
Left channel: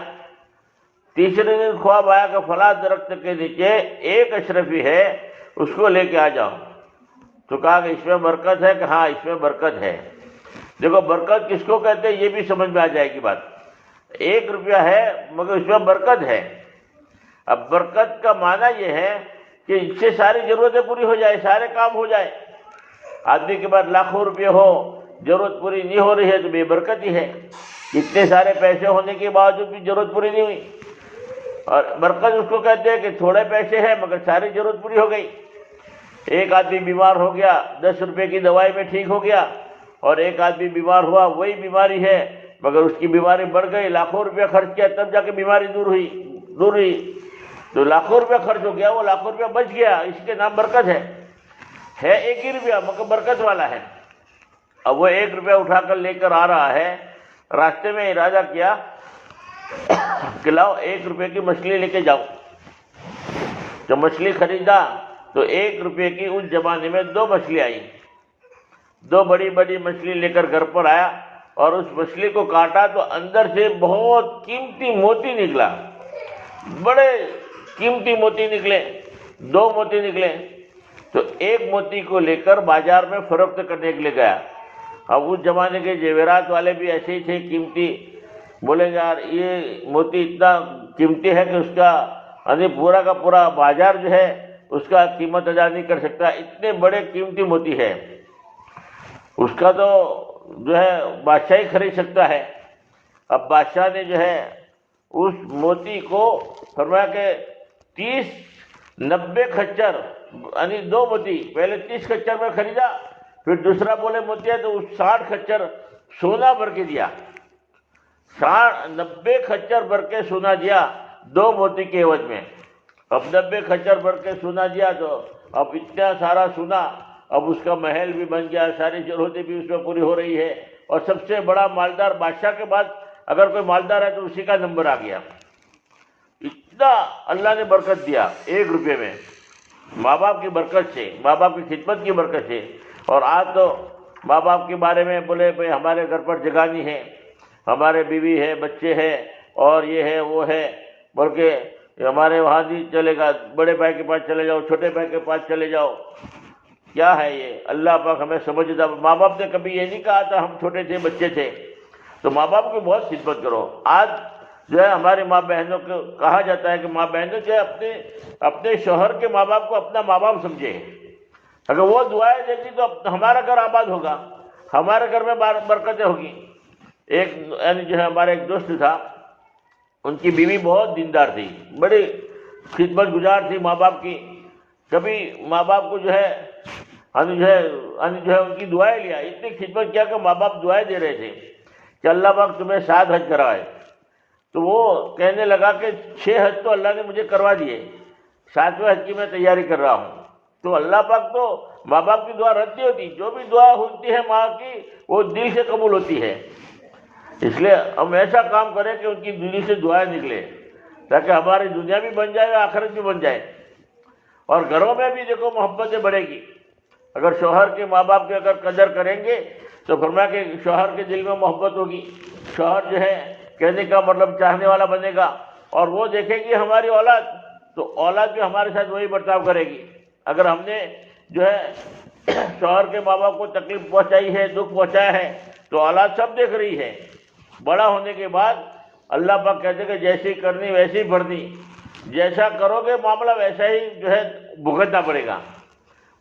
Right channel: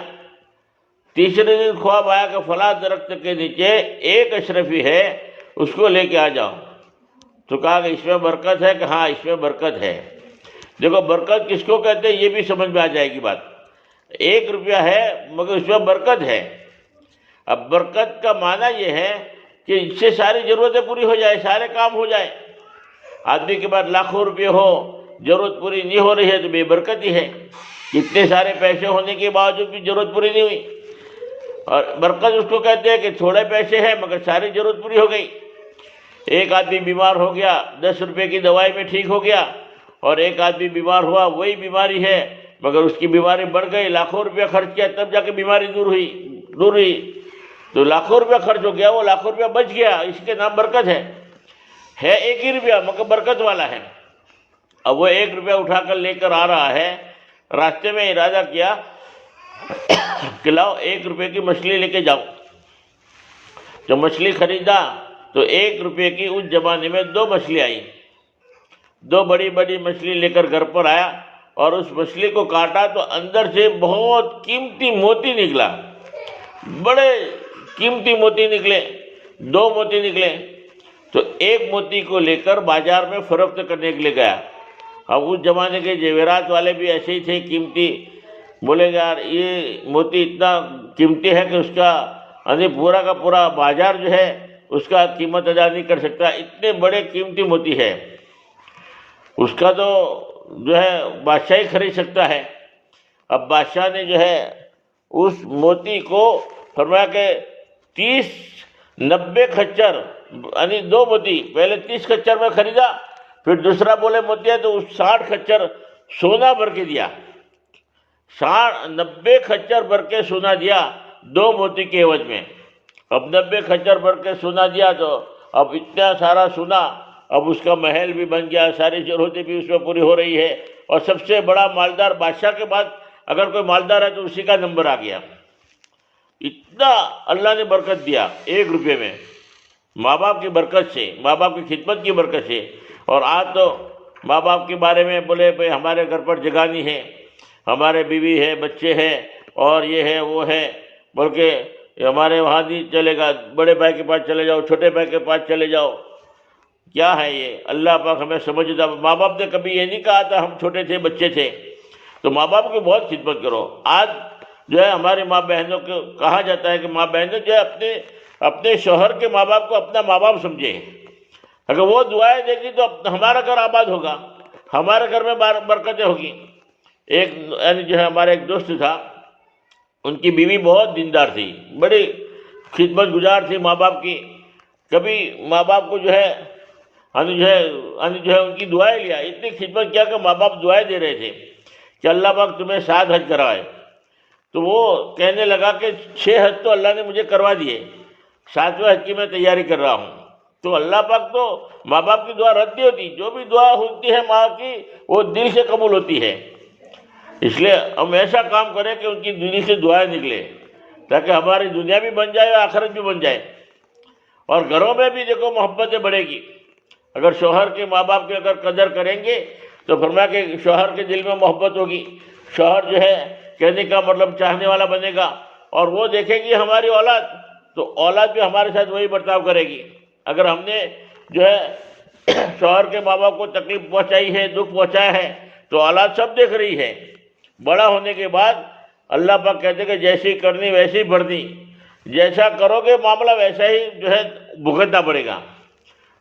تیسرے دن خواب آیا کہ فلاں درخت کے نیچے 1 اشرفی ہے، اس کو لے کے آ جاؤ، تو کہا کہ اس میں برکت ہے کہ ہاں اس میں برکت ہے۔ دیکھو برکت کس کو کہتے ہیں یہ بھی سمجھ میں آ جائے گی بات۔ 1 روپیہ ہے مگر اس میں برکت ہے۔ اب برکت کا معنی یہ ہے کہ اس سے ساری ضرورتیں پوری ہو جائے، سارے کام ہو جائے۔ آدمی کے پاس لاکھوں روپے ہو، ضرورت پوری نہیں ہو رہی ہے تو بے برکتی ہے۔ کتنے سارے پیسے ہونے کے باوجود بھی ضرورت پوری نہیں ہوئی۔ اور برکت اس کو کہتے ہیں کہ تھوڑے پیسے ہیں مگر ساری ضرورت پوری ہو گئی۔ ایک آدمی بیمار ہو گیا، 10 روپے کی دوائی میں ٹھیک ہو گیا، اور ایک آدمی بیمار ہوا، وہی بیماری ہے مگر اس کی بیماری بڑھ گئی، لاکھوں روپیہ خرچ کیا تب جا کے بیماری دور ہوئی، تو لاکھوں روپیہ خرچ ہو گیا، وہ لاکھوں روپیہ بچ گیا، اس کے نام برکت ہے 1 ہی روپیہ مگر برکت والا ہے۔ اب وہ 1 روپیہ اٹھا کر لے کر آ رہا ہے، راستے میں ارادہ کیا کہ لاؤ 1 روپے کی مچھلی لے کے جاؤ. جب مچھلی خریدا تو 1 روپے کی اس زمانے میں 2 مچھلی آئی. 2 بڑی بڑی مچھلی لے کر گھر پر آیا اور اس مچھلی کو کاٹا تو اندر سے بہت قیمتی موتی نکلا. بڑے قیمتی موتی نکلے، 2 موتی نکلے. تو 1 موتی کو لے کر بازار میں فروخت کرنے کے لیے گیا. اب اس زمانے کے جیورات والے بھی ایسے ہی تھے قیمتی. بولے گا یار یہ موتی اتنا قیمتی ہے کہ اس کا پورا کا پورا بازار جو ہے اس کا قیمت ادا نہیں کر سکتا، اتنے بڑے قیمتی موتی ہے، اس کا تو جو ہے بادشاہ ہی خرید سکتا ہے. اب بادشاہ نے جو ہے اس موتی کو فرمایا کہ 90 خچر 2 موتی، پہلے 30 خچر میں خریدا، پھر دوسرا بولے موتی ہے تو 60 خچر سونا بھر کے دیا. 90 خچر بھر کے سونا دیا 2 موتی کے عوض میں. اب 90 خچر بھر کے سونا دیا تو اب اتنا سارا سونا، اب اس کا محل بھی بن گیا، ساری ضرورتیں بھی اس میں پوری ہو رہی ہے. اور سب سے بڑا مالدار بادشاہ کے بعد اگر کوئی مالدار ہے تو اسی کا نمبر آ گیا. اتنا اللہ نے برکت دیا 1 روپے میں، ماں باپ کی برکت سے، ماں باپ کی خدمت کی برکت سے. اور آج تو ماں باپ کے بارے میں بولے بھائی ہمارے گھر پر جگہ نہیں ہے، ہمارے بیوی ہے، بچے ہیں، اور یہ ہے وہ ہے، بلکہ ہمارے وہاں نہیں چلے گا، بڑے بھائی کے پاس چلے جاؤ، چھوٹے بھائی کے پاس چلے جاؤ. کیا ہے یہ؟ اللہ پاک ہمیں سمجھتا. ماں باپ نے کبھی یہ نہیں کہا تھا ہم چھوٹے تھے، بچے تھے. تو ماں باپ کی بہت خدمت کرو. آج جو ہے ہماری ماں بہنوں کو کہا جاتا ہے کہ ماں بہنوں جو ہے اپنے شوہر کے ماں باپ کو اپنا ماں باپ سمجھے. اگر وہ دعائیں دے گی تو ہمارا گھر آباد ہوگا، ہمارے گھر میں برکتیں ہوگی. ایک جو ہے ہمارے ایک دوست تھا، ان کی بیوی بہت دیندار تھی، بڑی خدمت گزار تھی ماں باپ کی. کبھی ماں باپ کو جو ہے ان کی دعائیں لیا، اتنی خدمت کیا کہ ماں باپ دعائیں دے رہے تھے کہ اللہ پاک تمہیں 7 حج کرائے. تو وہ کہنے لگا کہ 6 حج تو اللہ نے مجھے کروا دیے، 7ویں حج کی میں تیاری کر رہا ہوں. تو اللہ پاک تو ماں باپ کی دعا رد نہیں ہوتی. جو بھی دعا ہوتی ہے ماں کی وہ دل سے قبول ہوتی ہے. اس لیے ہم ایسا کام کریں کہ ان کی دل سے دعائیں نکلے، تاکہ ہماری دنیا بھی بن جائے اور آخرت بھی بن جائے. اور گھروں میں بھی دیکھو محبتیں بڑھے گی. اگر شوہر کے ماں باپ کی اگر قدر کریں گے تو فرمایا کہ شوہر کے دل میں محبت ہوگی. شوہر جو ہے کہنے کا مطلب چاہنے والا بنے گا، اور وہ دیکھے گی ہماری اولاد، تو اولاد بھی ہمارے ساتھ وہی برتاؤ کرے گی. اگر ہم نے جو ہے شوہر کے ماں باپ کو تکلیف پہنچائی ہے، دکھ پہنچایا ہے، تو اولاد سب دیکھ رہی ہے. بڑا ہونے کے بعد اللہ پاک کہتے کہ جیسی کرنی ویسی بھرنی، جیسا کرو گے معاملہ ویسا ہی جو ہے بھگتنا پڑے گا.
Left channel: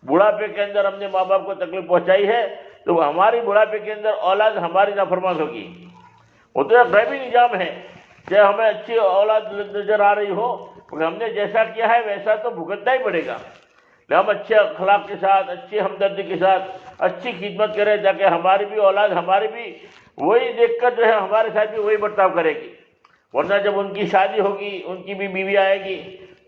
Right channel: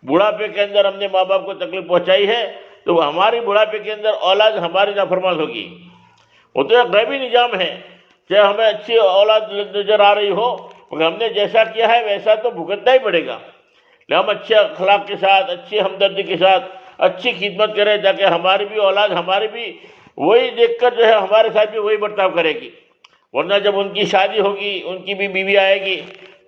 بڑھاپے کے اندر ہم نے ماں باپ کو تکلیف پہنچائی ہے تو ہماری بڑھاپے کے اندر اولاد ہماری نافرمان ہوگی. وہ تو ایک غیبی نظام ہے کہ ہمیں اچھی اولاد نظر آ رہی ہو، مگر ہم نے جیسا کیا ہے ویسا تو بھگتنا ہی پڑے گا. ہم اچھے اخلاق کے ساتھ، اچھی ہمدردی کے ساتھ اچھی خدمت کریں، تاکہ ہماری بھی اولاد ہماری بھی وہی دیکھ کر جو ہے ہمارے ساتھ بھی وہی برتاؤ کرے گی. ورنہ جب ان کی شادی ہوگی، ان کی بھی بیوی آئے گی،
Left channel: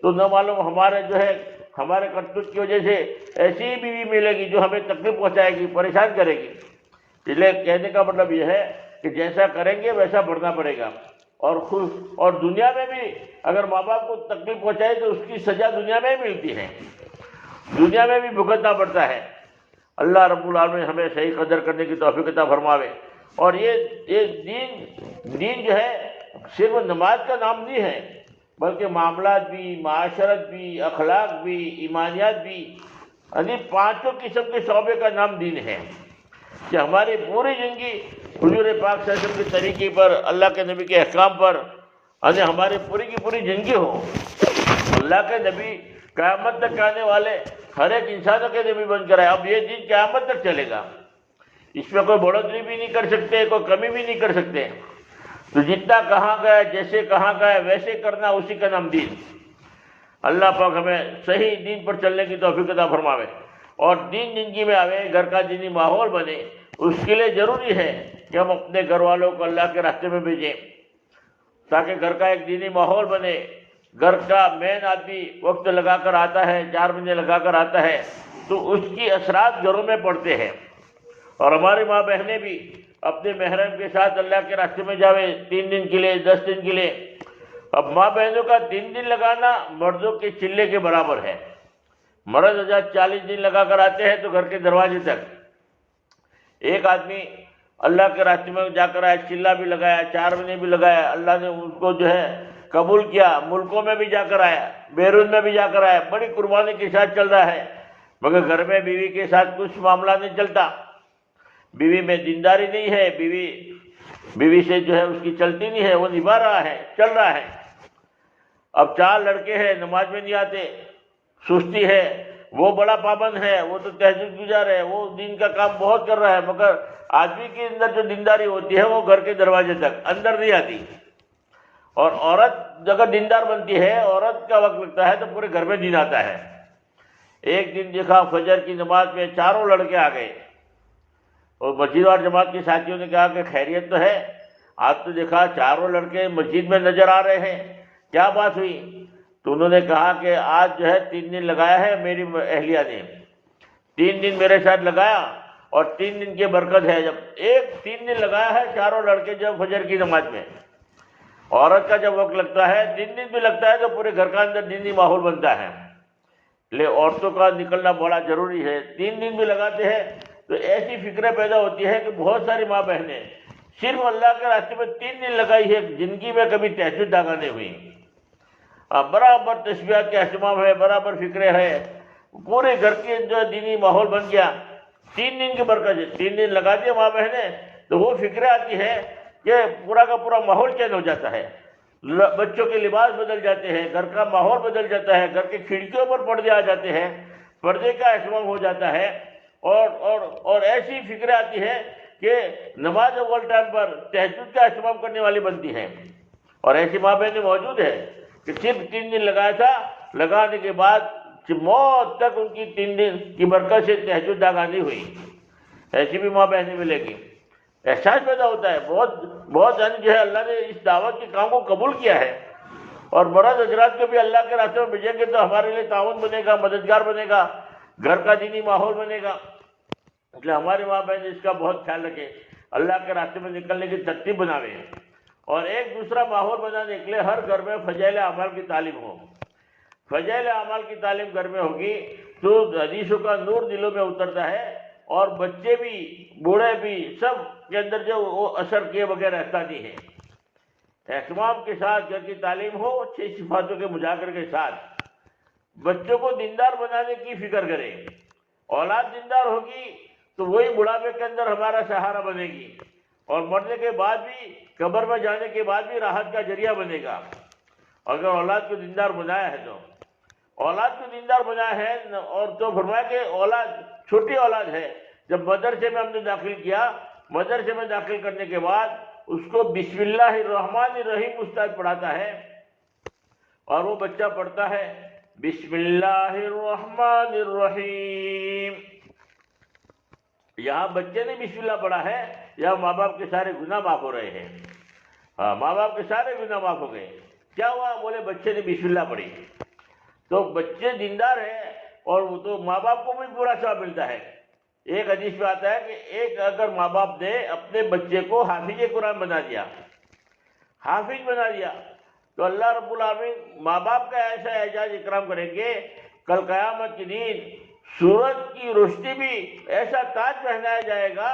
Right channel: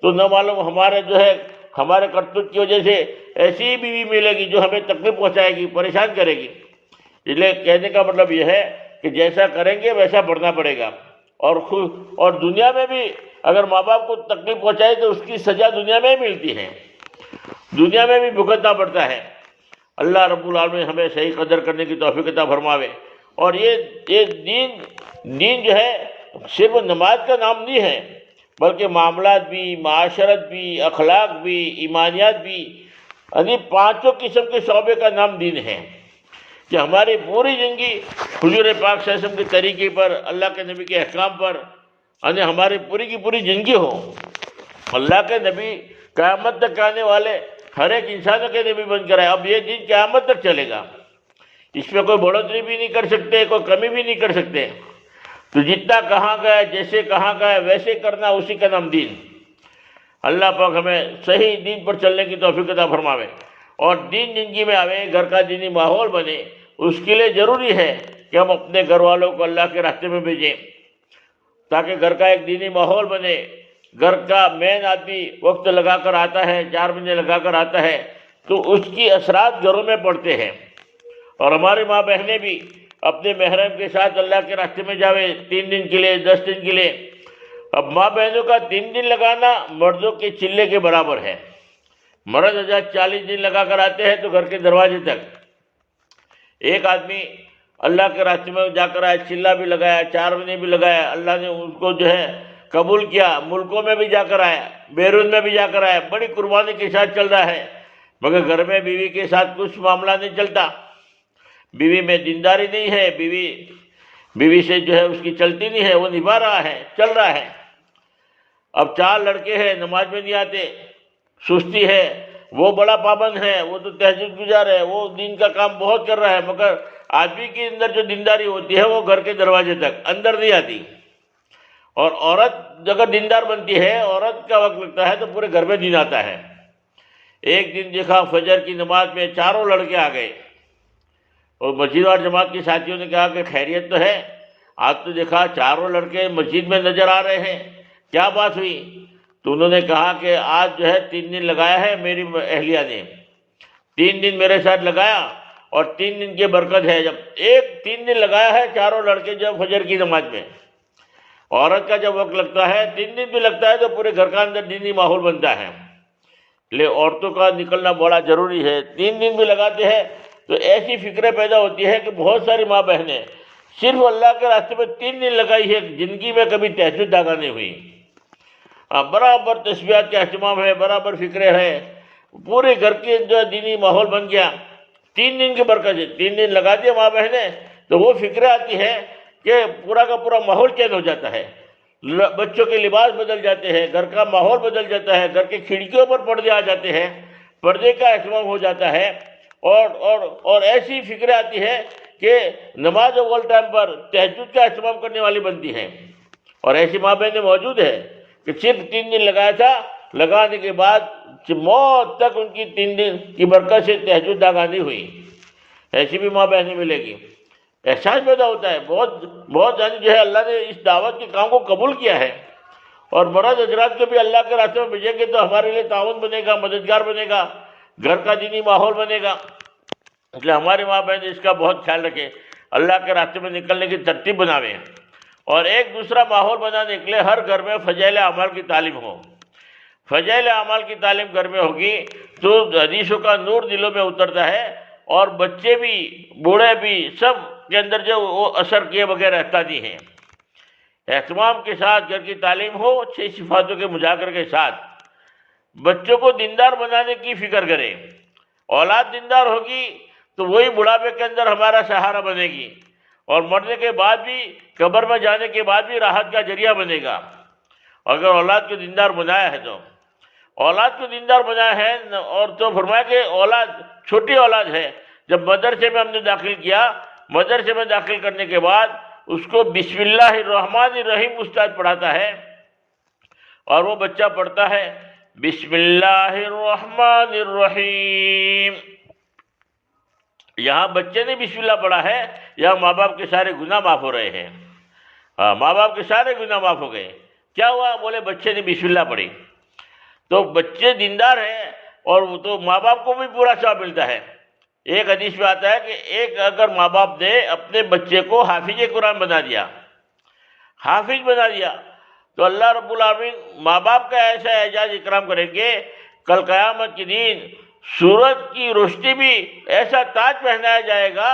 تو نہ معلوم ہمارے جو ہے ہمارے کرتوت کی وجہ سے ایسی ہی بیوی ملے گی جو ہمیں تکلیف پہنچائے گی، پریشان کرے گی. اس لیے کہنے کا مطلب یہ ہے کہ جیسا کریں گے ویسا بڑھنا پڑے گا. اور دنیا میں بھی اگر ماں باپ کو تکلیف پہنچائے تو اس کی سزا دنیا میں ہی ملتی ہے، دنیا میں بھی بھگتنا پڑتا ہے. اللہ رب العالمین ہمیں صحیح قدر کرنے کی توفیق عطا فرماوے. اور یہ دین جو ہے صرف نماز کا نام نہیں ہے، بلکہ معاملات بھی، معاشرت بھی، اخلاق بھی، ایمانیات بھی، یعنی 5 قسم کے شعبے کا نام دین ہے. کہ ہماری پوری زندگی حضور پاک صلی اللہ علیہ وسلم کے طریقے پر، اللہ کے نبی کے احکام پر، یعنی ہماری پوری کی پوری زندگی ہو. اللہ کے نبی قیامت تک آنے والے ہر ایک انسانوں کے نبی بن کر آئے. اب یہ دین قیامت تک چلے گا، اس میں کوئی بڑھوتری بھی نہیں کر سکتے، کوئی کمی بھی نہیں کر سکتے. تو جتنا کہاں گئے، جیسے کہاں گئے ویسے کرنا، اسی کا نام دین. اللہ پاک ہمیں صحیح دین پر چلنے کی توفیق عطا فرماوے. اور دین زندگی میں آوے، گھر کا دینی ماحول بنے. اس کے لیے ضروری ہے کہ ہم اپنے گھر والوں کو اللہ کے راستے میں بھیجیں، تاکہ گھر کا ایک دینی ماحول بنے. گھر کا مین آدمی وقت لگا کر آتا ہے، 4 مہینے لگا کر آتا ہے، تو اس کی اثرات گھروں میں پڑتے ہیں. اور ہمارے ماں بہنیں بھی اپنے محرم کے ساتھ اللہ کے راستے میں جاوے 3 دن کے لیے 10 دن کے لیے. اب ماں بہنوں کا 3 دن لگانا مردوں کے چلے کے برابر ہے. مرد 40 دن لگا کر آتے ہیں تو گھر کے دروازے تک. ایک آدمی اللہ کے راستے میں جا کر آیا, چلہ بھی لگایا, 4 مہینے بھی لگایا, اللہ نے ان کو جو ہے قبول کیا, ملکوں میں بھی جا کر آیا, بیرون میں بھی جا کر آیا, بڑی قربانی کے ساتھ چل رہا ہے, مگر گھر میں بیوی کے ساتھ کچھ معاملہ نہیں چلتا, بیوی میں دینداری نہیں ہے, بیوی سے جو ہے اس کی چلتی نہیں ہے, وہ نبھا رہا ہے, چل رہا ہے. اب 4 لڑکے ہیں, نماز میں نہیں آتے, سستی ہے, وہ بڑا پابند ہے, وہ تو تہجد گزار ہے, وہ دین کا کام بہت کر رہا ہے, مگر آدمی کے اندر جو دینداری ہوتی ہے وہ گھر کے دروازے تک اندر نہیں آتی. اور عورت اگر دیندار بنتی ہے, عورت کا وقت لگتا ہے تو پورے گھر میں دین آتا ہے. ایک دن دیکھا فجر کی نماز میں 4 لڑکے آ گئے, اور مسجد اور جماعت کے ساتھیوں نے کہا کہ خیریت تو ہے, آج تو دیکھا 4 لڑکے مسجد میں نظر آ رہے ہیں, کیا بات ہوئی؟ تو انہوں نے کہا کہ آج جو ہے 3 دن لگایا ہے میری اہلیہ نے, 3 دن میرے ساتھ لگایا, اور 3 دن کی برکت ہے. جب 3 دن لگایا ہے 4 لڑکے جب فجر کی نماز میں, عورت کا جب وقت لگتا ہے 3 دن بھی لگتا ہے تو پورے گھر کا اندر دینی ماحول بنتا ہے. لے عورتوں کا نکلنا بڑا ضروری ہے. 3 دن بھی لگاتے ہیں تو ایسی فکریں پیدا ہوتی ہے کہ بہت ساری ماں بہنیں صرف اللہ کے راستے میں 3 دن لگائی ہے, زندگی میں کبھی تہجد ادا نہیں ہوئی. برابر تسبیحات کا اہتمام ہے, برابر فکریں ہے, پورے گھر کے جو دینی ماحول بن گیا. 3 دن کی برکت ہے. 3 دن لگا دیا ماں بہنیں تو وہ فکریں آتی ہے کہ پورا کا پورا ماحول چینج ہو جاتا ہے, بچوں کے لباس بدل جاتے ہیں, گھر کا ماحول بدل جاتا ہے, گھر کی کھڑکیوں پر پردے آ جاتے ہیں, پردے کا اہتمام ہو جاتا ہے, اور ایسی فکریں آتی ہے کہ نماز اول ٹائم پر تہجد کا اہتمام کرنے والی بنتی ہے. اور ایسی ماں بہنیں موجود ہیں کہ صرف 3 دن لگایا تھا, لگانے کے بعد موت تک ان کی 3 دن کی برکت سے تہجد ادا نہیں ہوئی. ایسی بھی ماں بہنیں ملے گی. احساس پیدا ہوتا ہے بہت یعنی جو ہے اللہ نے اس دعوت کے کام کو قبول کیا ہے, اور مرد حضرات کو بھی اللہ کے راستے میں بھیجیں گے تو ہمارے لیے تعاون بنے گا, مددگار بنے گا, گھر کا دینی ماحول بنے گا. اس لیے ہمارے ماں بہن اس کا بہت خیال رکھیں, اللہ کے راستے میں نکلنے کی ترتیب بناویں, اور ایک دوسرا ماحول بنانے کے لیے ہر گھر میں فضائل اعمال کی تعلیم ہو. فضائل اعمال کی تعلیم گھر میں ہوگی تو حدیثوں کا نور دلوں میں اترتا ہے, اور بچے بھی بوڑھے بھی سب کے اندر جو وہ اثر کیے بغیر رہتا نہیں ہے. اہتمام کے ساتھ گھر کی تعلیم ہو, 6 صفاتوں کے مذاکرے کے ساتھ بچوں کو دیندار بنانے کی فکر کرے. اولاد دیندار ہوگی تو وہی بڑھاپے کے اندر ہمارا سہارا بنے گی, اور مرنے کے بعد بھی, قبر میں جانے کے بعد بھی راحت کا ذریعہ بنے گا. اگر اولاد کو دیندار بنایا ہے تو اولاد کو دیندار بنایا ہے, اور تو فرمایا کہ اولاد چھوٹی اولاد ہے. جب مدرسے میں ہم نے داخل کیا, مدرسے میں داخل کرنے کے بعد اس کو بسم اللہ الرحمن الرحیم استاد پڑھاتا ہے, اور وہ بچہ پڑھتا ہے بسم اللہ الرحمن الرحیم. یہاں بچے نے بسم اللہ پڑھا ہے, یہاں ماں باپ کے سارے گناہ معاف ہو رہے ہیں. ماں باپ کے سارے گناہ معاف ہو گئے. کیا ہوا؟ بولے بچے نے بسم اللہ پڑھی. تو بچے دیندار ہیں, اور وہ تو ماں باپ کو بھی پورا ثواب ملتا ہے. ایک حدیث میں آتا ہے کہ ایک اگر ماں باپ نے اپنے بچے کو حافظ قرآن بنا دیا, حافظ بنا دیا, تو اللہ رب العالمین ماں باپ کا ایسا اعزاز اکرام کریں گے, کل قیامت کے دن سورج کی روشنی بھی ایسا تاج پہنایا جائے گا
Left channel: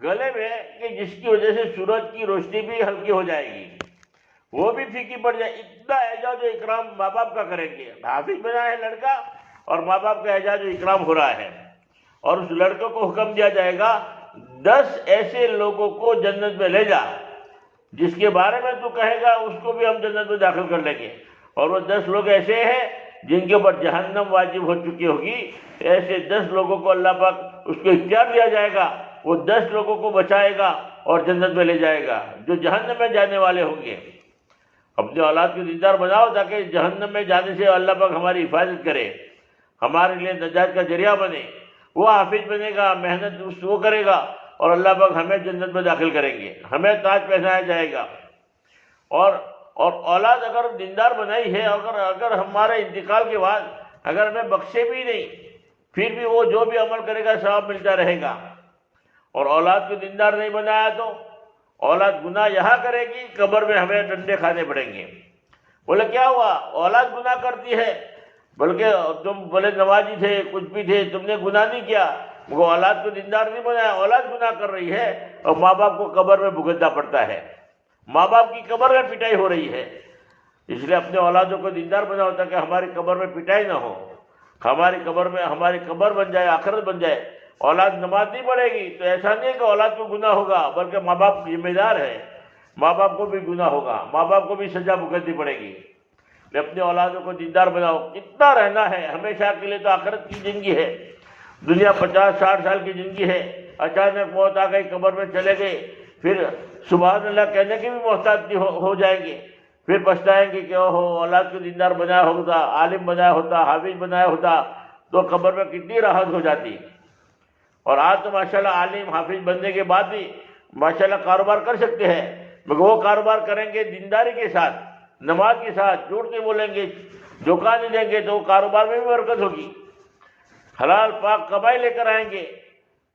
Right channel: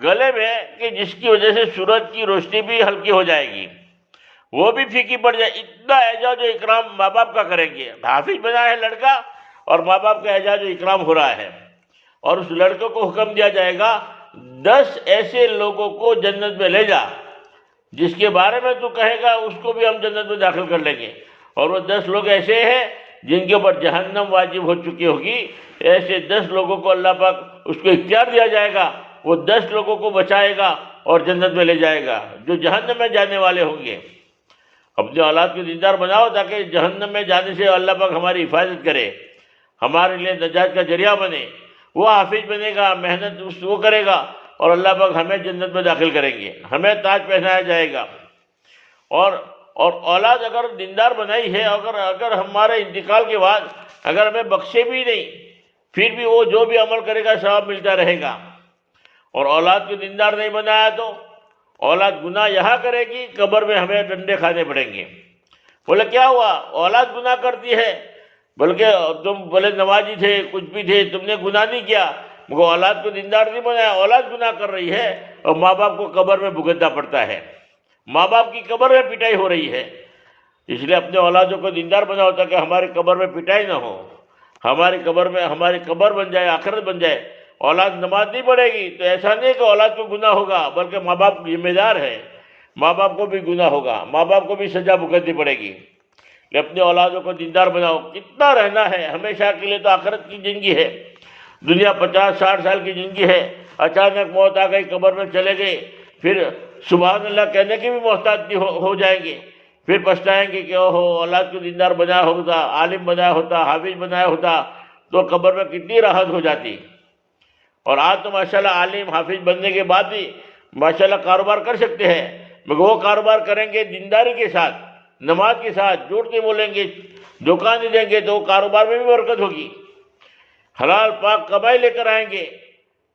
گلے میں کہ جس کی وجہ سے سورج کی روشنی بھی ہلکی ہو جائے گی, وہ بھی پھیکی پڑ جائے. اتنا اعزاز و اکرام ماں باپ کا کریں گے. حافظ بنا ہے لڑکا, اور ماں باپ کا اعزاز و اکرام ہو رہا ہے, اور اس لڑکے کو حکم دیا جائے گا 10 ایسے لوگوں کو جنت میں لے جا جس کے بارے میں تو کہے گا اس کو بھی ہم جنت میں داخل کر لیں گے. اور وہ 10 لوگ ایسے ہیں جن کے اوپر جہنم واجب ہو چکی ہوگی. ایسے 10 لوگوں کو اللہ پاک اس کو اختیار دیا جائے گا, وہ 10 لوگوں کو بچائے گا اور جنت میں لے جائے گا جو جہنم میں جانے والے ہوں گے. اپنے اولاد کے دیندار بناؤ تاکہ جہنم میں جانے سے اللہ پاک ہماری حفاظت کرے, ہمارے لیے نجات کا ذریعہ بنے. وہ حافظ بنے گا, محنت وہ کرے گا, اور اللہ پاک ہمیں جنت میں داخل کریں گے, ہمیں تاج پہنایا جائے گا. اور اولاد اگر دیندار بنائی ہے, اگر ہمارے انتقال کے بعد اگر ہمیں بخشے بھی نہیں, پھر بھی وہ جو بھی عمل کرے گا ثواب ملتا رہے گا. اور اولاد کو دیندار نہیں بنایا تو اولاد گناہ یہاں کرے گی، قبر میں ہمیں ڈنڈے کھانے پڑیں گے۔ بولے کیا ہوا؟ اولاد گناہ کرتی ہے، بلکہ تم بولے نمازی تھے، کچھ بھی تھے، تم نے گناہ نہیں کیا، مگر اولاد کو دیندار نہیں بنایا، اولاد گناہ کر رہی ہے اور ماں باپ کو قبر میں بھگتنا پڑتا ہے، ماں باپ کی قبر میں پٹائی ہو رہی ہے۔ اس لیے اپنے اولادوں کو دیندار بناؤ تاکہ ہماری قبر میں پٹائی نہ ہو، ہماری قبر بن جائے، آخرت بن جائے۔ اولاد نماز نہیں پڑھے گی تو ایسا نہیں کہ اولاد کو گناہ ہوگا، بلکہ ماں باپ ذمہ دار ہے، ماں باپ کو بھی گناہ ہوگا، ماں باپ کو بھی سزا بھگتنی پڑے گی۔ اپنے اولادوں کو دیندار بناؤ۔ کتنا رہنا ہے ہمیشہ کے لیے، تو آخرت کی زندگی ہے، دنیا 50-60 سال کی زندگی ہے، اچانک موت آ گئی، قبر میں چلے گئے، پھر سبحان اللہ کہنے کے بھی محتاج ہو جائیں گے، پھر پچھتائیں گے کہ اوہو اولاد کو دیندار بنایا ہوتا، عالم بنایا ہوتا، حافظ بنایا ہوتا تو قبر میں کتنی راحت ہو جاتی۔ اور آج تو ماشاءاللہ عالم حافظ بننے کے بعد بھی ماشاءاللہ کاروبار کر سکتے ہیں، مگر وہ کاروبار کریں گے دینداری کے ساتھ، نماز کے ساتھ، جھوٹ نہیں بولیں گے، دھوکہ نہیں دیں گے، تو وہ کاروبار میں بھی برکت ہوگی، حلال پاک کمائی لے کر آئیں گے،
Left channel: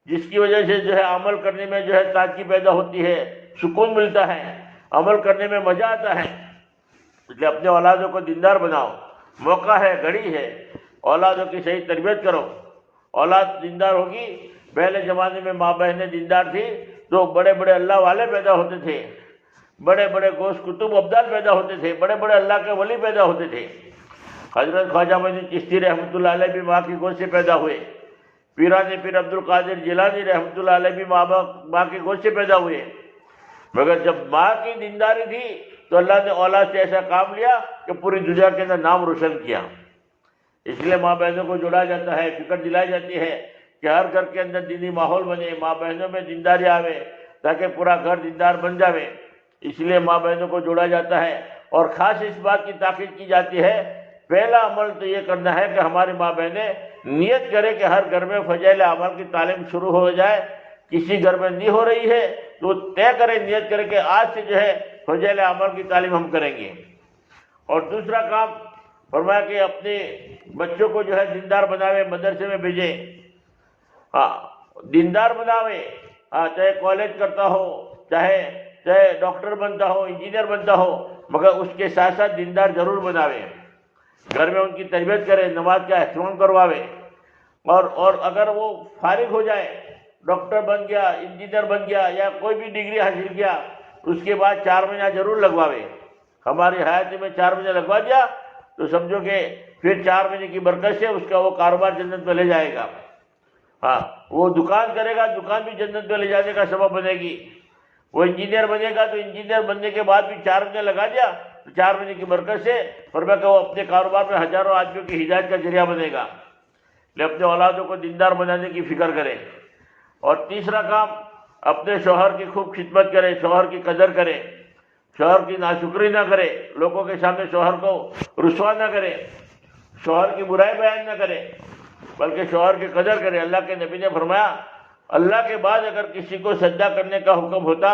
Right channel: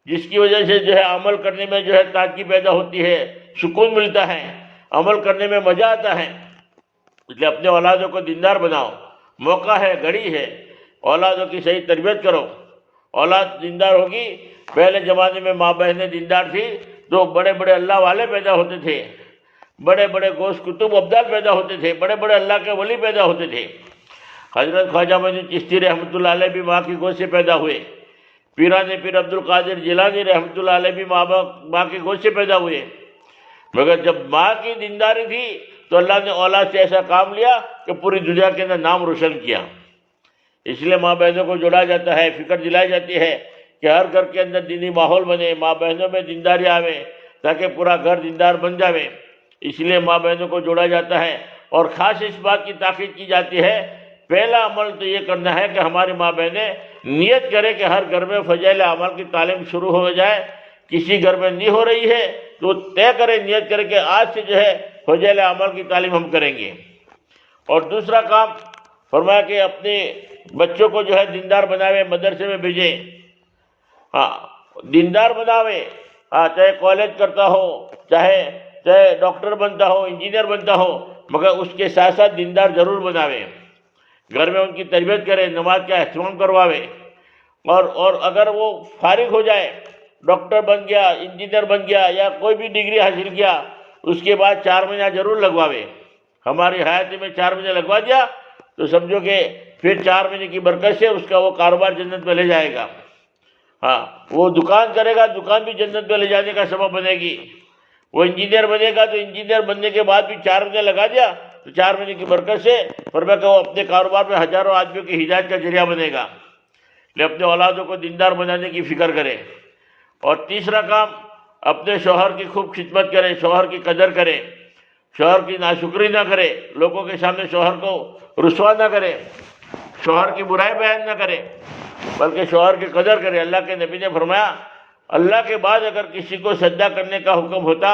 جس کی وجہ سے جو ہے عمل کرنے میں جو ہے تازگی پیدا ہوتی ہے، سکون ملتا ہے، عمل کرنے میں مزہ آتا ہے۔ اس لیے اپنے اولادوں کو دیندار بناؤ، موقع ہے، گھڑی ہے، اولادوں کی صحیح تربیت کرو، اولاد دیندار ہوگی۔ پہلے زمانے میں ماں بہنیں دیندار تھی تو بڑے بڑے اللہ والے پیدا ہوتے تھے، بڑے بڑے غوث کتب ابدال پیدا ہوتے تھے، بڑے بڑے اللہ کے ولی پیدا ہوتے تھے۔ حضرت خواجہ معین چشتی رحمۃ اللہ علیہ بھی ماں کی گود سے پیدا ہوئے، پیران پیر عبد القادر جیلانی رحمۃ اللہ علیہ بھی ماں کی گود سے پیدا ہوئے، مگر جب ماں کی دینداری تھی تو اللہ نے اولاد سے ایسا کام لیا کہ پوری دنیا کے اندر نام روشن کیا۔ اس لیے ماں بہنوں کو جوڑا جاتا ہے، فکر دلائی جاتی ہے کہ ہر گھر کے اندر دینی ماحول بنے، ماں بہنوں میں دینداری آوے تاکہ پورا گھر دیندار بن جاوے۔ اس لیے ماں بہنوں کو جوڑا جاتا ہے، اور خاص اس بات کی تاکید کی جاتی ہے، پہلا عمل تو یہ کرنا ہے کہ ہماری ماں بہنیں نیت کرے کہ ہر گھر میں فضائل اعمال کی تعلیم شروع ہو جائے۔ کسی گھر میں نہیں ہو رہی ہے تو طے کرے، نیت کرے کہ آج سے جو ہے فضائل اعمال کی تعلیم ہم کریں گے۔ اور دوسرا کام فرمایا کہ اپنے بچوں کو جو ہے دیندار بناوے، مدرسے میں بھیجے، دیندار بناوے، چاہے کالج کرتا ہو، چاہے ڈاکٹر بنتا ہو، انجینئر بنتا ہو، مگر اس کے ساتھ ساتھ دیندار ضرور بناوے، گھر میں ان کی تربیت کرے، نماز کا اہتمام کرواوے، اور اگر وہ فارغ ہو جائے، ڈاکٹر بن گیا، انجینئر بن گیا، یا کوئی بھی ڈگری حاصل کیا، اس کے بعد 4 مہینہ ضرور لگواوے۔ ہماری حیاتی میں 4 مہینے لگوا دیا تو سمجھو کہ پھر 4 مہینے کی برکت سے اس کا وہ کاروبار جنت میں لے جائے گا۔ وہ دکان کرے گا، دکان بھی جنت میں لے جانے کا سبب بنے گی۔ وہ انجینئر بنے گا تو انجینئر بننے کے بعد بھی 4 مہینے لگا دیا تو 4 مہینے کی برکت سے فرمایا کہ وہ اپنے کاروبار میں ہزاروں آدمیوں کی ہدایت کا ذریعہ بنے گا۔ لے اپنے اولادوں کو دیندار بنانے کی فکر کرے۔ اور تیسرا کام، اپنے شوہر کی خوب خدمت کرے، شوہر کی قدر کرے، شوہر کی ناشکری نہ کرے، لوگوں کے سامنے شوہر کو رسوا نہ کرے، شوہر کی برائی بیان نہ کرے، بلکہ شوہر کی قدر کرے۔ اللہ کے نبی نے فرمایا، اللہ کے بعد اگر کسی کو سجدہ کرنے کا حکم ہوتا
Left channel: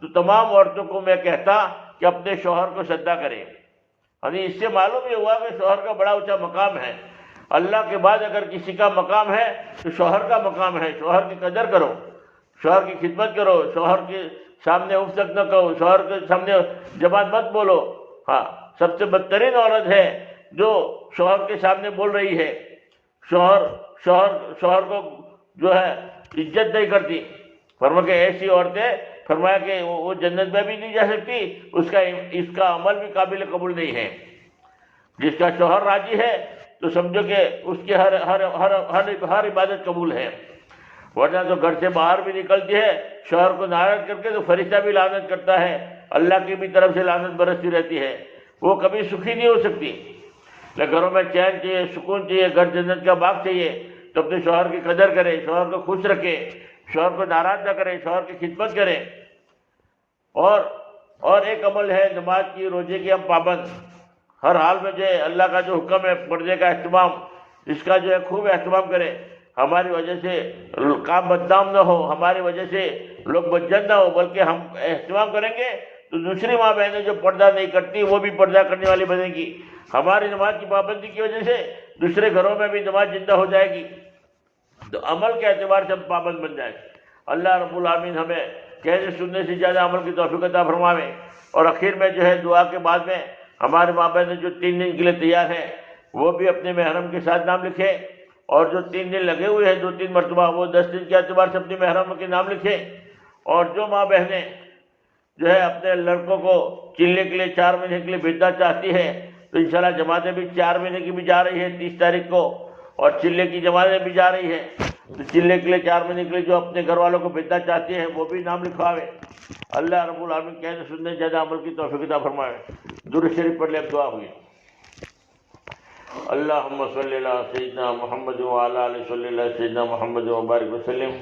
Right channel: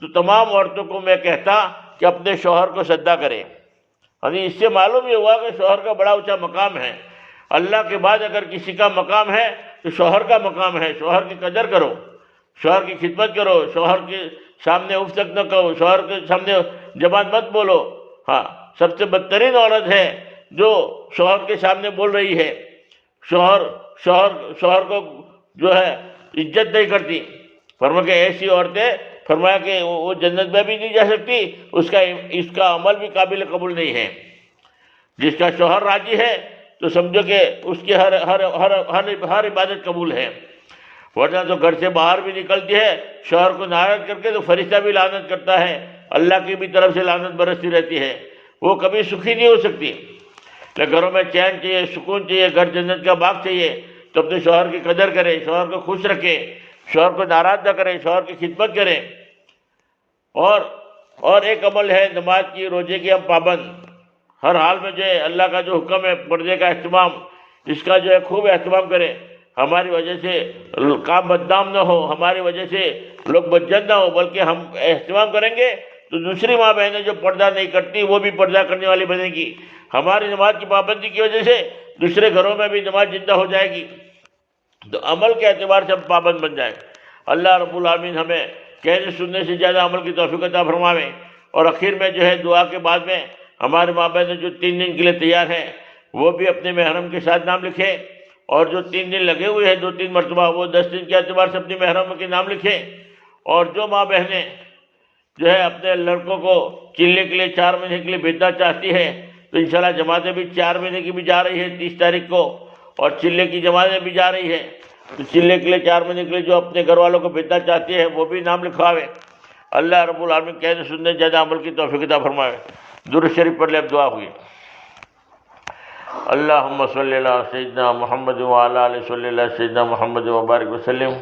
تو تمام عورتوں کو میں کہتا کہ اپنے شوہر کو سجدہ کرے۔ یعنی اس سے معلوم یہ ہوا کہ شوہر کا بڑا اونچا مقام ہے۔ اللہ کے بعد اگر کسی کا مقام ہے تو شوہر کا مقام ہے۔ شوہر کی قدر کرو، شوہر کی خدمت کرو، شوہر کے سامنے اف تک نہ کہو، شوہر کے سامنے زبان مت بولو۔ سب سے بدترین عورت ہے جو شوہر کے سامنے بول رہی ہے، شوہر کو جو ہے عزت نہیں کرتی۔ فرمایا کہ ایسی عورتیں، فرمایا کہ وہ جنت میں بھی نہیں جا سکتی، اس کا عمل بھی قابل قبول نہیں ہے۔ جس کا شوہر راضی ہے تو سمجھو کہ اس کی ہر عبادت قبول ہے، ورنہ تو گھر سے باہر بھی نکلتی ہے شوہر کو ناراض کر کے تو فرشتہ بھی لعنت کرتا ہے، اللہ کی بھی طرف سے لعنت برستی رہتی ہے، وہ کبھی سکھی نہیں ہو سکتی۔ گھروں میں چین چاہیے، سکون چاہیے، گھر جنت کا باغ چاہیے، تو اپنے شوہر کی قدر کرے، شوہر کو خوش رکھے، شوہر کو ناراض نہ کرے، شوہر کی خدمت کرے۔ اور ایک عمل ہے نماز کی، روزے کی ہم پابند، ہر حال میں جو ہے اللہ کا جو حکم ہے پردے کا اہتمام، اس کا جو ہے خوب اہتمام کرے، ہماری وجہ سے کام بدنام نہ ہو، ہماری وجہ سے لوگ بدجن نہ ہو، بلکہ ہم اہتمام کریں گے تو دوسری ماں بہنیں جو پردہ نہیں کرتی وہ بھی پردہ کرنے والی بنے گی۔ ہماری نماز کی پابندی کی وجہ سے دوسرے گھروں میں بھی نماز زندہ ہو جائے گی، تو عمل کے اعتبار سے ہم پابند بن جائیں۔ اللہ رب العالمین ہمیں کہنے سننے سے زیادہ عمل کی توفیق عطا فرمائے۔ اور آخر میں جو ہے دعا کے بعد میں ہمارے ماں بہن جو 3 دن کے لیے تیار ہیں وہ بھی اپنے محرم کے ساتھ نام لکھیں، اور جو 3 دن لگے ہوئے ہیں 2-3 مرتبہ وہ 10 دن کے اعتبار سے اپنے محرم کے نام لکھیں۔ اور جو ماں بہنیں جو ہے اپنے لڑکوں کو چلنے کے لیے 4 مہینے کے لیے بھیجنا چاہتی ہے تو انشاءاللہ جماعتیں بھی 4 مہینے کی بھی جا رہی ہے 30 تاریخ کو، اور چلنے کی جماعتیں بھی جا رہی ہے، تو چلنے کے لیے 4 مہینے کے لیے جو اپنے گھر والوں کو بھیجنا چاہتی ہے وہ بھی نام لکھواوے۔ اللہ رب العالمین کہنے سننے زیادہ عمل کی توفیق عطا فرمائے۔ درود شریف پڑھ لے، اب دعا ہوئی۔ اللہم صلی علی سیدنا محمد وعلی آلہ صلی اللہ سیدنا محمد وبارک وسلم۔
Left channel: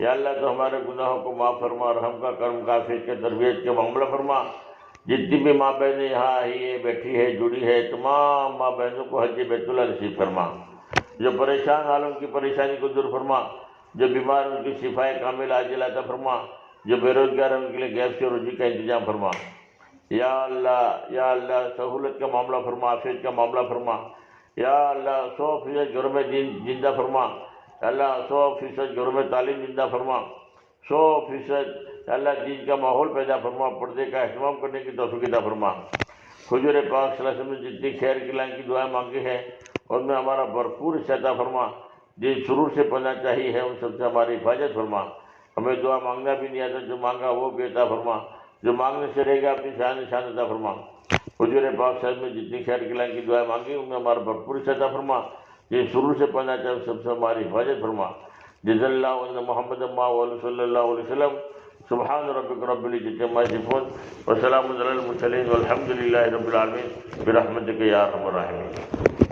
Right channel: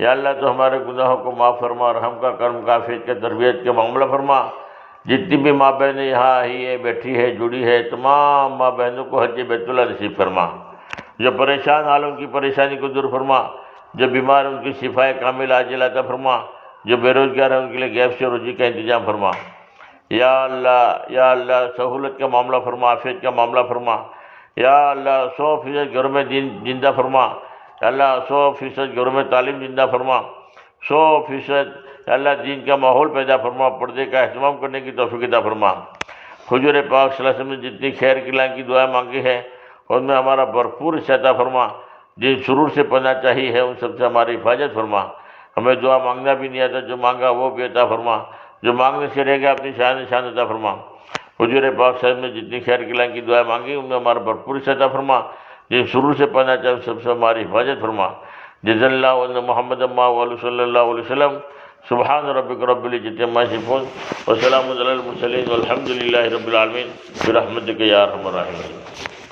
یا اللہ تو ہمارے گناہوں کو معاف فرما، رحم کا کرم کا فیض کے تربیت کے معاملہ فرما۔ جتنی بھی ماں بہنیں یہاں آئی ہے، بیٹھی ہے، جڑی ہے، تمام ماں بہنوں کو حج بیت اللہ نصیب فرما۔ جو پریشان حالوں کی پریشانی کو دور فرما، جو بیمار ان کی شفائے کامل عاجل عطا فرما، جو بے روزگار ہیں ان کے لیے غیب سے روزی کا انتظام فرما۔ یا اللہ سہولت کا معاملہ فرما، عافیت کا معاملہ فرما۔ یا اللہ 100% گھروں میں دین زندہ فرما۔ یا اللہ 100% گھروں میں تعلیم زندہ فرما۔ 100% اللہ دین کا ماحول پیدا فرما، پردے کا اہتمام کرنے کی توفیق عطا فرما۔ حضور پاک صلی اللہ علیہ وسلم نے جتنی خیر کی لائن کی دعائیں مانگی ہے ان میں ہمارا بھرپور حصہ عطا فرما۔ جن شرور سے پناہ چاہیے ہے ان سب سے ہماری حفاظت فرما۔ ہمیں دعا مانگنا بھی نہیں آتا، جو مانگا وہ بھی عطا فرما، جو مانگنے سے رہ گیا اپنی شان عطا فرما۔ حضور پاک صلی اللہ علیہ وسلم نے جتنی خیر کی لائن کی دعائیں مانگی ان میں ہمارا بھرپور حصہ عطا فرما۔ جن شرور سے پناہ چاہیے سب سے ہماری حفاظت فرما۔ جزا اللہ علیہ محمد صلی اللہ علیہ وسلم۔ سبحان ربک رب العزت عما یصفون وسلام علی المرسلین والحمد للہ رب العالمین برحمتک یا ارحم الراحمین۔